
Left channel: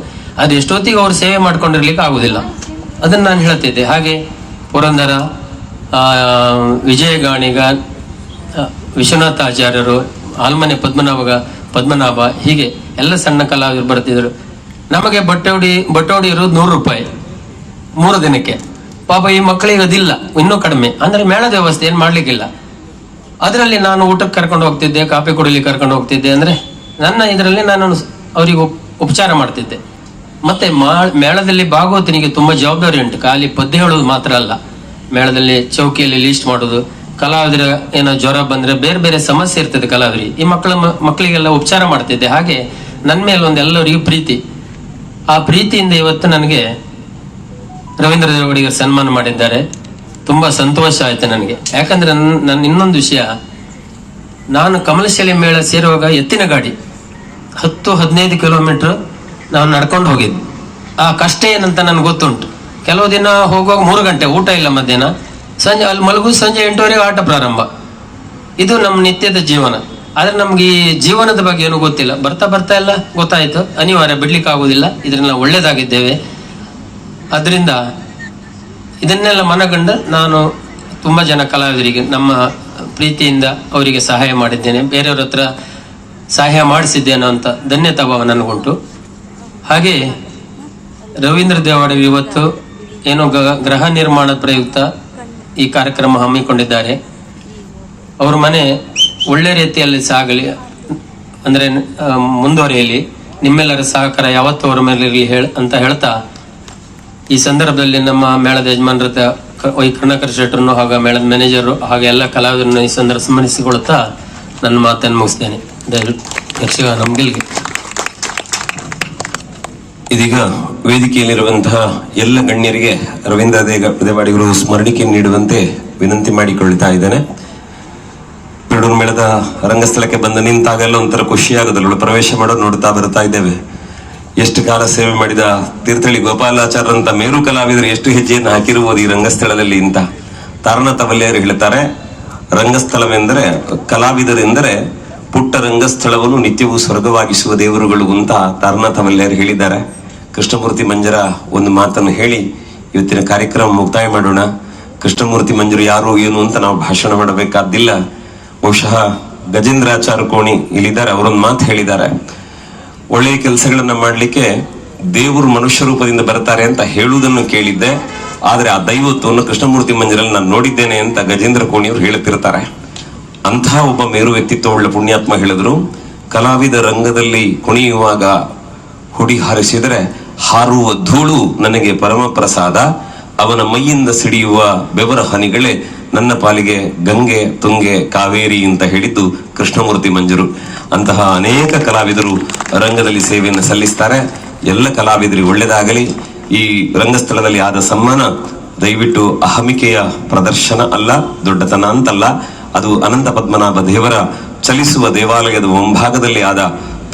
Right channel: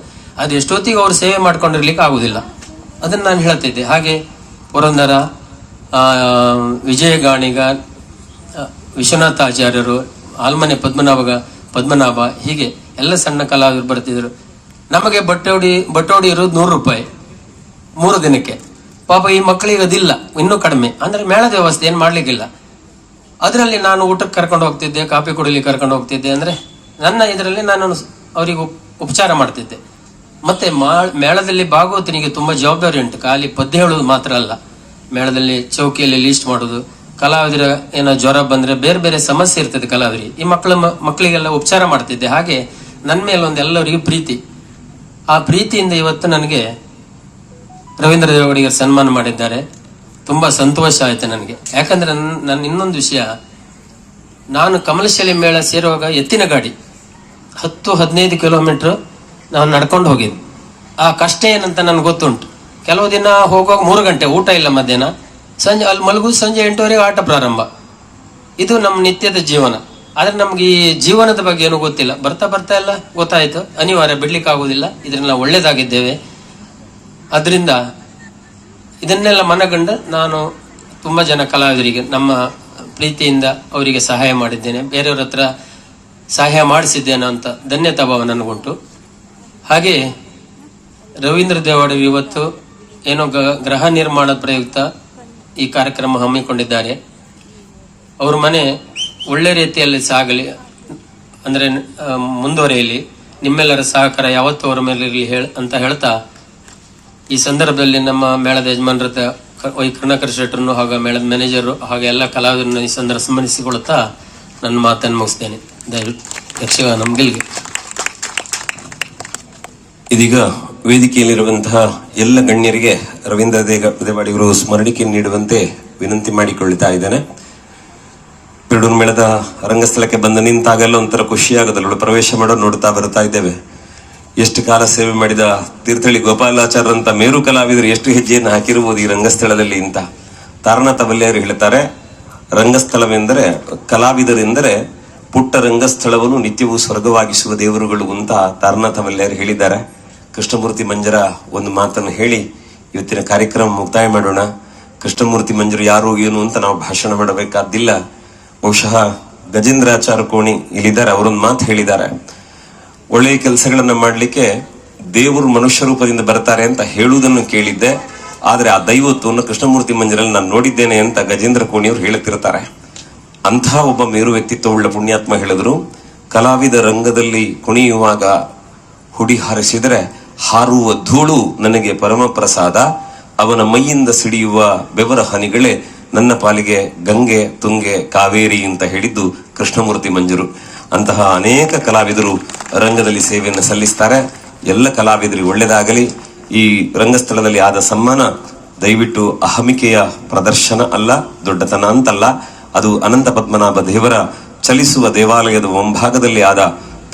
ಅದು ಎಷ್ಟೊತ್ತಿಗೆ ಅವ್ರು ಸೇವೆ ಮಾಡ್ಕೊಂಡಿರ್ಲಿಕ್ಕೆ ಆಗುದಿಲ್ಲ. ಅದನ್ನ ನಾನು ಹೇಳ್ತಿದ್ದೆ. ಹಾಗೆ ಪುರಂದರ, ವಿಜಯ ಗಾಣಿಗ, ವಿಶ್ವನಾಥ ಆಚಾರ್ಯರು, ಆಲ್ಮನೆ ಪದ್ಮನಾಭ, ಹೀಗೆ ಎಲ್ಲ ಸಣ್ಣ ಕಲಾವಿದರು ಬರ್ತಿದ್ರು. ನಮಗೆ ಬಟ್ಟೆ ಇರೋದು 100 ರೂಪಾಯಿ 3 ದಿನಕ್ಕೆ. ಪಾಪ ಈ ಮಕ್ಕಳಿಗೆ ಅದಿಲ್ಲ, ಇನ್ನೂ ಕಡಿಮೆ. ಅಂದ್ರೆ ಮೇಳದ ವ್ಯವಸ್ಥೆ ಏನ್ ಮಾಡ್ಲಿಕ್ಕಿಲ್ಲ. ಅದರಲ್ಲಿ ನಾನು ಊಟಕ್ಕೆ ಕರ್ಕೊಂಡು ಹೋಗ್ತಿದ್ದೆ, ಕಾಫಿ ಕುಡಿಲಿಕ್ಕೆ ಕರ್ಕೊಂಡು ಹೋಗ್ತಿದ್ದೆ. ಅಂದ್ರೆ ನನ್ನ ಇದರಲ್ಲಿ ನಾನು ಅವರಿಗೆ ಉಪಚಾರ ಮಾಡ್ತಿದ್ದೆ. ಮತ್ತೆ ಮೇಳದಲ್ಲಿ ಭಾಗವತನಿಗೆ ತುಂಬಾ ಜವಾಬ್ದಾರಿ ಉಂಟು. ಖಾಲಿ ಪದ್ಯ ಹೇಳುವುದು ಮಾತ್ರ ಅಲ್ಲ, ಮೇಳದಲ್ಲಿ ಚೌಕಿಯಲ್ಲಿ ಲೀಸ್ಟ್ ಮಾಡೋದು, ಕಲಾವಿದರ ಏನೋ ಜ್ವರ ಬಂದ್ರೆ ಬೇರೆ ಬೇರೆ ಸಮಸ್ಯೆ ಇರ್ತದೆ ಕಲಾವಿದರಿಗೆ, ಈ ಮಕ್ಕಳಿಗೆಲ್ಲ ಉಪಚಾರ ಮಾಡ್ತಿದ್ದೆ. ಹಾಗೆ ನನ್ನ ಮೇಲೆ ಎಲ್ಲರಿಗೂ ಪ್ರೀತಿ. ಆ ಪ್ರೀತಿಯಿಂದ ಇವತ್ತು ನನಗೆ ರವೀಂದ್ರ ದೇವಡಿಗರು ಸನ್ಮಾನ ಮಾಡಿದ್ದಾರೆ. ತುಂಬಾ ಸಂತೋಷ ಆಯ್ತು ನನಗೆ. ಯಾಕಂದ್ರೆ ನನ್ನ ಇನ್ನೊಂದು ವಿಷಯ, ನಾನು ಕಮಲಶಾಲೆ ಮೇಳ ಸೇರುವಾಗ ಎತ್ತಿನ ಗಾಡಿ 10-15 ಕಿಲೋಮೀಟರ್ ನಾವು ನಡ್ಕೊಂಡು ಹೋಗಿದ್ವಿ. ಆ ಕಷ್ಟ ಏನಂತ ನನ್ಗೆ ಗೊತ್ತುಂಟು. ಕೆಲವು ದಿನ ಹೋಗುವಾಗ 3 ಗಂಟೆ ಊಟ ಇಲ್ಲ, ಮಧ್ಯಾಹ್ನ ಸಂಜೆ ಅಲ್ಲಿ ಮಲಗುದು, ಸಂಜೆ 8:30 ಆಟ ಪ್ರಾರಂಭ. ಇದು ನಮ್ಮ ನಿತ್ಯದ ಜೀವನ. ಆದ್ರೆ ನಮ್ಗೆ ಈ ಜೀವನದ ಬಗ್ಗೆ ಏನು ಗೊತ್ತಿಲ್ಲ. ಬರ್ತಾ ಎಲ್ಲ ಗೊತ್ತಾಯ್ತು, ಅನಿವಾರ್ಯ, ಬಿಡ್ಲಿಕ್ಕೆ ಆಗುದಿಲ್ಲ, ಇದನ್ನೆಲ್ಲ ಒಳ್ಳೇದಾಗಿದ್ದೇವೆ. ಅದರಿಂದ ಇದನ್ನೆಲ್ಲ ಮನಗಂಡು ನಾನು ತುಂಬಾ ಜನ ಕಲಾವಿದರಿಗೆ ನಮ್ಮ ಪ್ರೀತಿಯಿಂದ ಅವರಿಗೆ ಸಹಾಯ ಮಾಡಿದ್ದೇನೆ, ಬೇರೆಯವ್ರ ಹತ್ರ ಸಹಾಯ ಮಾಡಿಸಿದ್ದೇನೆ ಅಂತ ಧನ್ಯತಾ ಭಾವ ನನಗುಂಟು. ಹಾಗೆ ರವೀಂದ್ರ ದೇವಾಡಿ ಇವತ್ತು ಏನೋ ಗೃಹ ನಿರ್ಮಾಣ ಪ್ರಯುಕ್ತ ಈ ಕಾರ್ಯಕ್ರಮ ಹಮ್ಮಿಕೊಂಡಿದ್ದಾರೆ. ಅವ್ರ ಮನೆ ಒಳ್ಳೆ ರೀತಿಯಲ್ಲಿ ಸಾಗಲಿ, ಅಂದ್ರೆ ಮುಂದುವರಿಯಲಿ, ನಿಮ್ಮೆಲ್ಲರ ಸಹಕಾರ ಯಾವತ್ತೂ ಅವರ ಮೇಲೆ ಇರಲಿ ಅಂತ ಹೇಳ್ತಾ, ಈ ಸಂದರ್ಭದಲ್ಲಿ ನಮ್ಮ ಮೇಳದ ಯಜಮಾನರ ವೈ ಕರ್ಣಾಕರ್ ಶೆಟ್ಟರನ್ನು ಹಾಗೂ ಮೇಳದ ಮ್ಯಾನೇಜರ್ ಹಾಗೂ ಎಲ್ಲ ಕಲಾವಿದರನ್ನು ಈ ಸಂದರ್ಭ ಸ್ಮರಿಸಿಕೊಳ್ತಾ ನನ್ನ ಮಾತನ್ನು ಮುಗಿಸ್ತೇನೆ. ಯಕ್ಷಗಾನ ನಮ್ಗೆಲ್ಗೆ. ಇದೀಗ ವೇದಿಕೆಯಲ್ಲಿರುವಂತಹ ಎಲ್ಲ ಗಣ್ಯರಿಗೆ ರವೀಂದ್ರ ದೇವಾಡಿಗರು ಸ್ಮರಣಿಕೆ ನೀಡುವಂತೆ ವಿನಂತಿ ಮಾಡಿಕೊಳ್ಳುತ್ತಾ ಇದ್ದೇನೆ. ಪಿರುಡೂರು ಮೇಳದ ರಂಗಸ್ಥಳಕ್ಕೆ ಬಂದು ನಿಂತಾಗಲ್ಲ ಒಂಥರ ಖುಷಿಯಾಗೋದಲ್ಲ. ಪ್ರವೇಶ ಮಾಡೋದು ನೋಡ್ತಾ ಬರ್ತಾ ಇದ್ದೇವೆ. ಎಷ್ಟು ಕಾಲ ಸೇವೆ ಮಾಡಿದ ತೀರ್ಥಹಳ್ಳಿ ಗೋಪಾಲಾಚಾರ್ಯರಂತ ಮೇರು ಕಲಾವಿದರು ಎಷ್ಟು ಹೆಜ್ಜೆಯನ್ನು ಹಾಕಿರುವುದು ಈ ರಂಗಸ್ಥಳದಲ್ಲಿ ಅಂತ ತಾರನಾಥ ವಲ್ಯರು ಹೇಳ್ತಾರೆ. ರಂಗಸ್ಥಳವೆಂದರೆ, ಕಲಾವಿದರೆಂದರೆ ಪುಟ್ಟ ರಂಗಸ್ಥಳವನ್ನು ನಿತ್ಯವೂ ಸ್ವರ್ಗವಾಗಿಸುವ ದೇವರುಗಳು ಅಂತ ತಾರನಾಥ ವಲ್ಯರು ಹೇಳಿದ್ದಾರೆ. ಕೃಷ್ಣಮೂರ್ತಿ ಮಂಜರ ಒಂದು ಮಾತನ್ನು ಹೇಳಿ ಇವತ್ತಿನ ಕಾರ್ಯಕ್ರಮ ಮುಕ್ತಾಯ ಮಾಡೋಣ. ಕೃಷ್ಣಮೂರ್ತಿ ಮಂಜರು ಯಾರು ಏನು ಅಂತ ನಾವು ಭಾಷಣ ಮಾಡಬೇಕಾದ್ದಿಲ್ಲ. ಬಹುಶಃ ಗಜೇಂದ್ರಾಚಾರ್ಯ ಕೋಣಿ ಇಲ್ಲಿದ್ದಾರೆ, ಅವರೊಂದು ಮಾತು ಹೇಳಿದ್ದಾರೆ. ಒಳ್ಳೆಯ ಕೆಲಸಗಳನ್ನ ಮಾಡ್ಲಿಕ್ಕೆ ದೇವರು ಮನುಷ್ಯ ರೂಪದಿಂದ ಬರ್ತಾರೆ ಅಂತ ಹೇಳುವುದನ್ನು ಕೇಳಿದ್ದೆ, ಆದ್ರೆ ಆ ದೈವತ್ವವನ್ನು ಕೃಷ್ಣಮೂರ್ತಿ ಮಂಜರಲ್ಲಿ ನಾನು ನೋಡಿದ್ದೇನೆ ಅಂತ ಗಜೇಂದ್ರ ಕೋಣಿಯವರು ಹೇಳುತ್ತಿರ್ತಾರೆ. ಅಂತಹ ಒಬ್ಬ ಮೇರು ವ್ಯಕ್ತಿತ್ವವುಳ್ಳ ಪುಣ್ಯಾತ್ಮ ಹೇಳಿದ್ರು, ಕಲಾವಿದ ರಂಗದಲ್ಲಿ ಕುಣಿಯುವಾಗ ಹುಡಿ ಹಾರಿಸಿದರೆ ಹಾರುವ ಧೂಳು ನನಗೆ ಪರಮ ಪ್ರಸಾದ, ಅವನ ಮೈಯಿಂದ ಸಿಡಿಯುವ ಬೆವರ ಹನಿಗಳೇ ನನ್ನ ಪಾಲಿಗೆ ಗಂಗೆ ತುಂಗೆ ಕಾವೇರಿ ಅಂತ ಹೇಳಿದ್ದು ಕೃಷ್ಣಮೂರ್ತಿ ಮಂಜರು. ಅಂತಹ ಅನೇಕ ಕಲಾವಿದರು ರಂಗದಲ್ಲಿ ಸೇವೆಯನ್ನು ಸಲ್ಲಿಸ್ತಾರೆ. ಎಲ್ಲ ಕಲಾವಿದರಿಗೆ ಒಳ್ಳೆಯದಾಗಲಿ. ಈ ರಂಗಸ್ಥಳದಲ್ಲಿ ಆದ ಸನ್ಮಾನ ದಯವಿಟ್ಟು ಅಹಮಿಕೆಯ ಪ್ರದರ್ಶನ ಅಲ್ಲ, ದೊಡ್ಡತನ ಅಂತಲ್ಲ, ಅದು ಅನಂತ ಪದ್ಮನಾಭ ದೇವರ ಚಲಿಸುವ ದೇವಾಲಯದ ಮುಂಭಾಗದಲ್ಲಿ ಆದ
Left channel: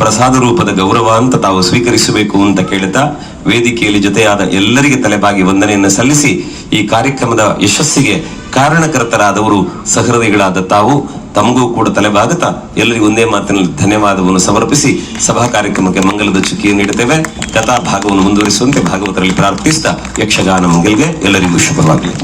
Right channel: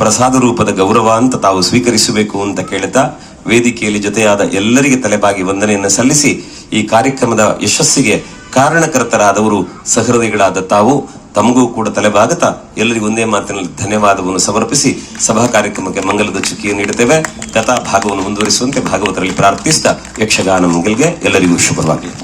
ಪ್ರಸಾದ ರೂಪದ ಗೌರವ ಅಂತ ತಾವು ಸ್ವೀಕರಿಸಬೇಕು ಅಂತ ಕೇಳುತ್ತಾ ವೇದಿಕೆಯಲ್ಲಿ ಜೊತೆಯಾದ ಎಲ್ಲರಿಗೆ ತಲೆಬಾಗಿ ವಂದನೆಯನ್ನು ಸಲ್ಲಿಸಿ ಈ ಕಾರ್ಯಕ್ರಮದ ಯಶಸ್ಸಿಗೆ ಕಾರಣಕರ್ತರಾದವರು ಸಹೃದಯಿಗಳಾದ ತಾವು, ತಮಗೂ ಕೂಡ ತಲೆಬಾಗುತ್ತಾ ಎಲ್ಲರಿಗೂ ಒಂದೇ ಮಾತಿನಲ್ಲಿ ಧನ್ಯವಾದವನ್ನು ಸಮರ್ಪಿಸಿ ಸಭಾ ಕಾರ್ಯಕ್ರಮಕ್ಕೆ ಮಂಗಲದ ಚುಕ್ಕಿಯನ್ನು ನೀಡುತ್ತೇವೆ. ಕಥಾ ಭಾಗವನ್ನು ಮುಂದುವರಿಸುವಂತೆ ಭಾಗವತರಲ್ಲಿ ಪ್ರಾರ್ಥಿಸಿದ ಯಕ್ಷಗಾನ ಮಂಗಲ್ಗೆ ಎಲ್ಲರಿಗೂ ಶುಭವಾಗಲಿ.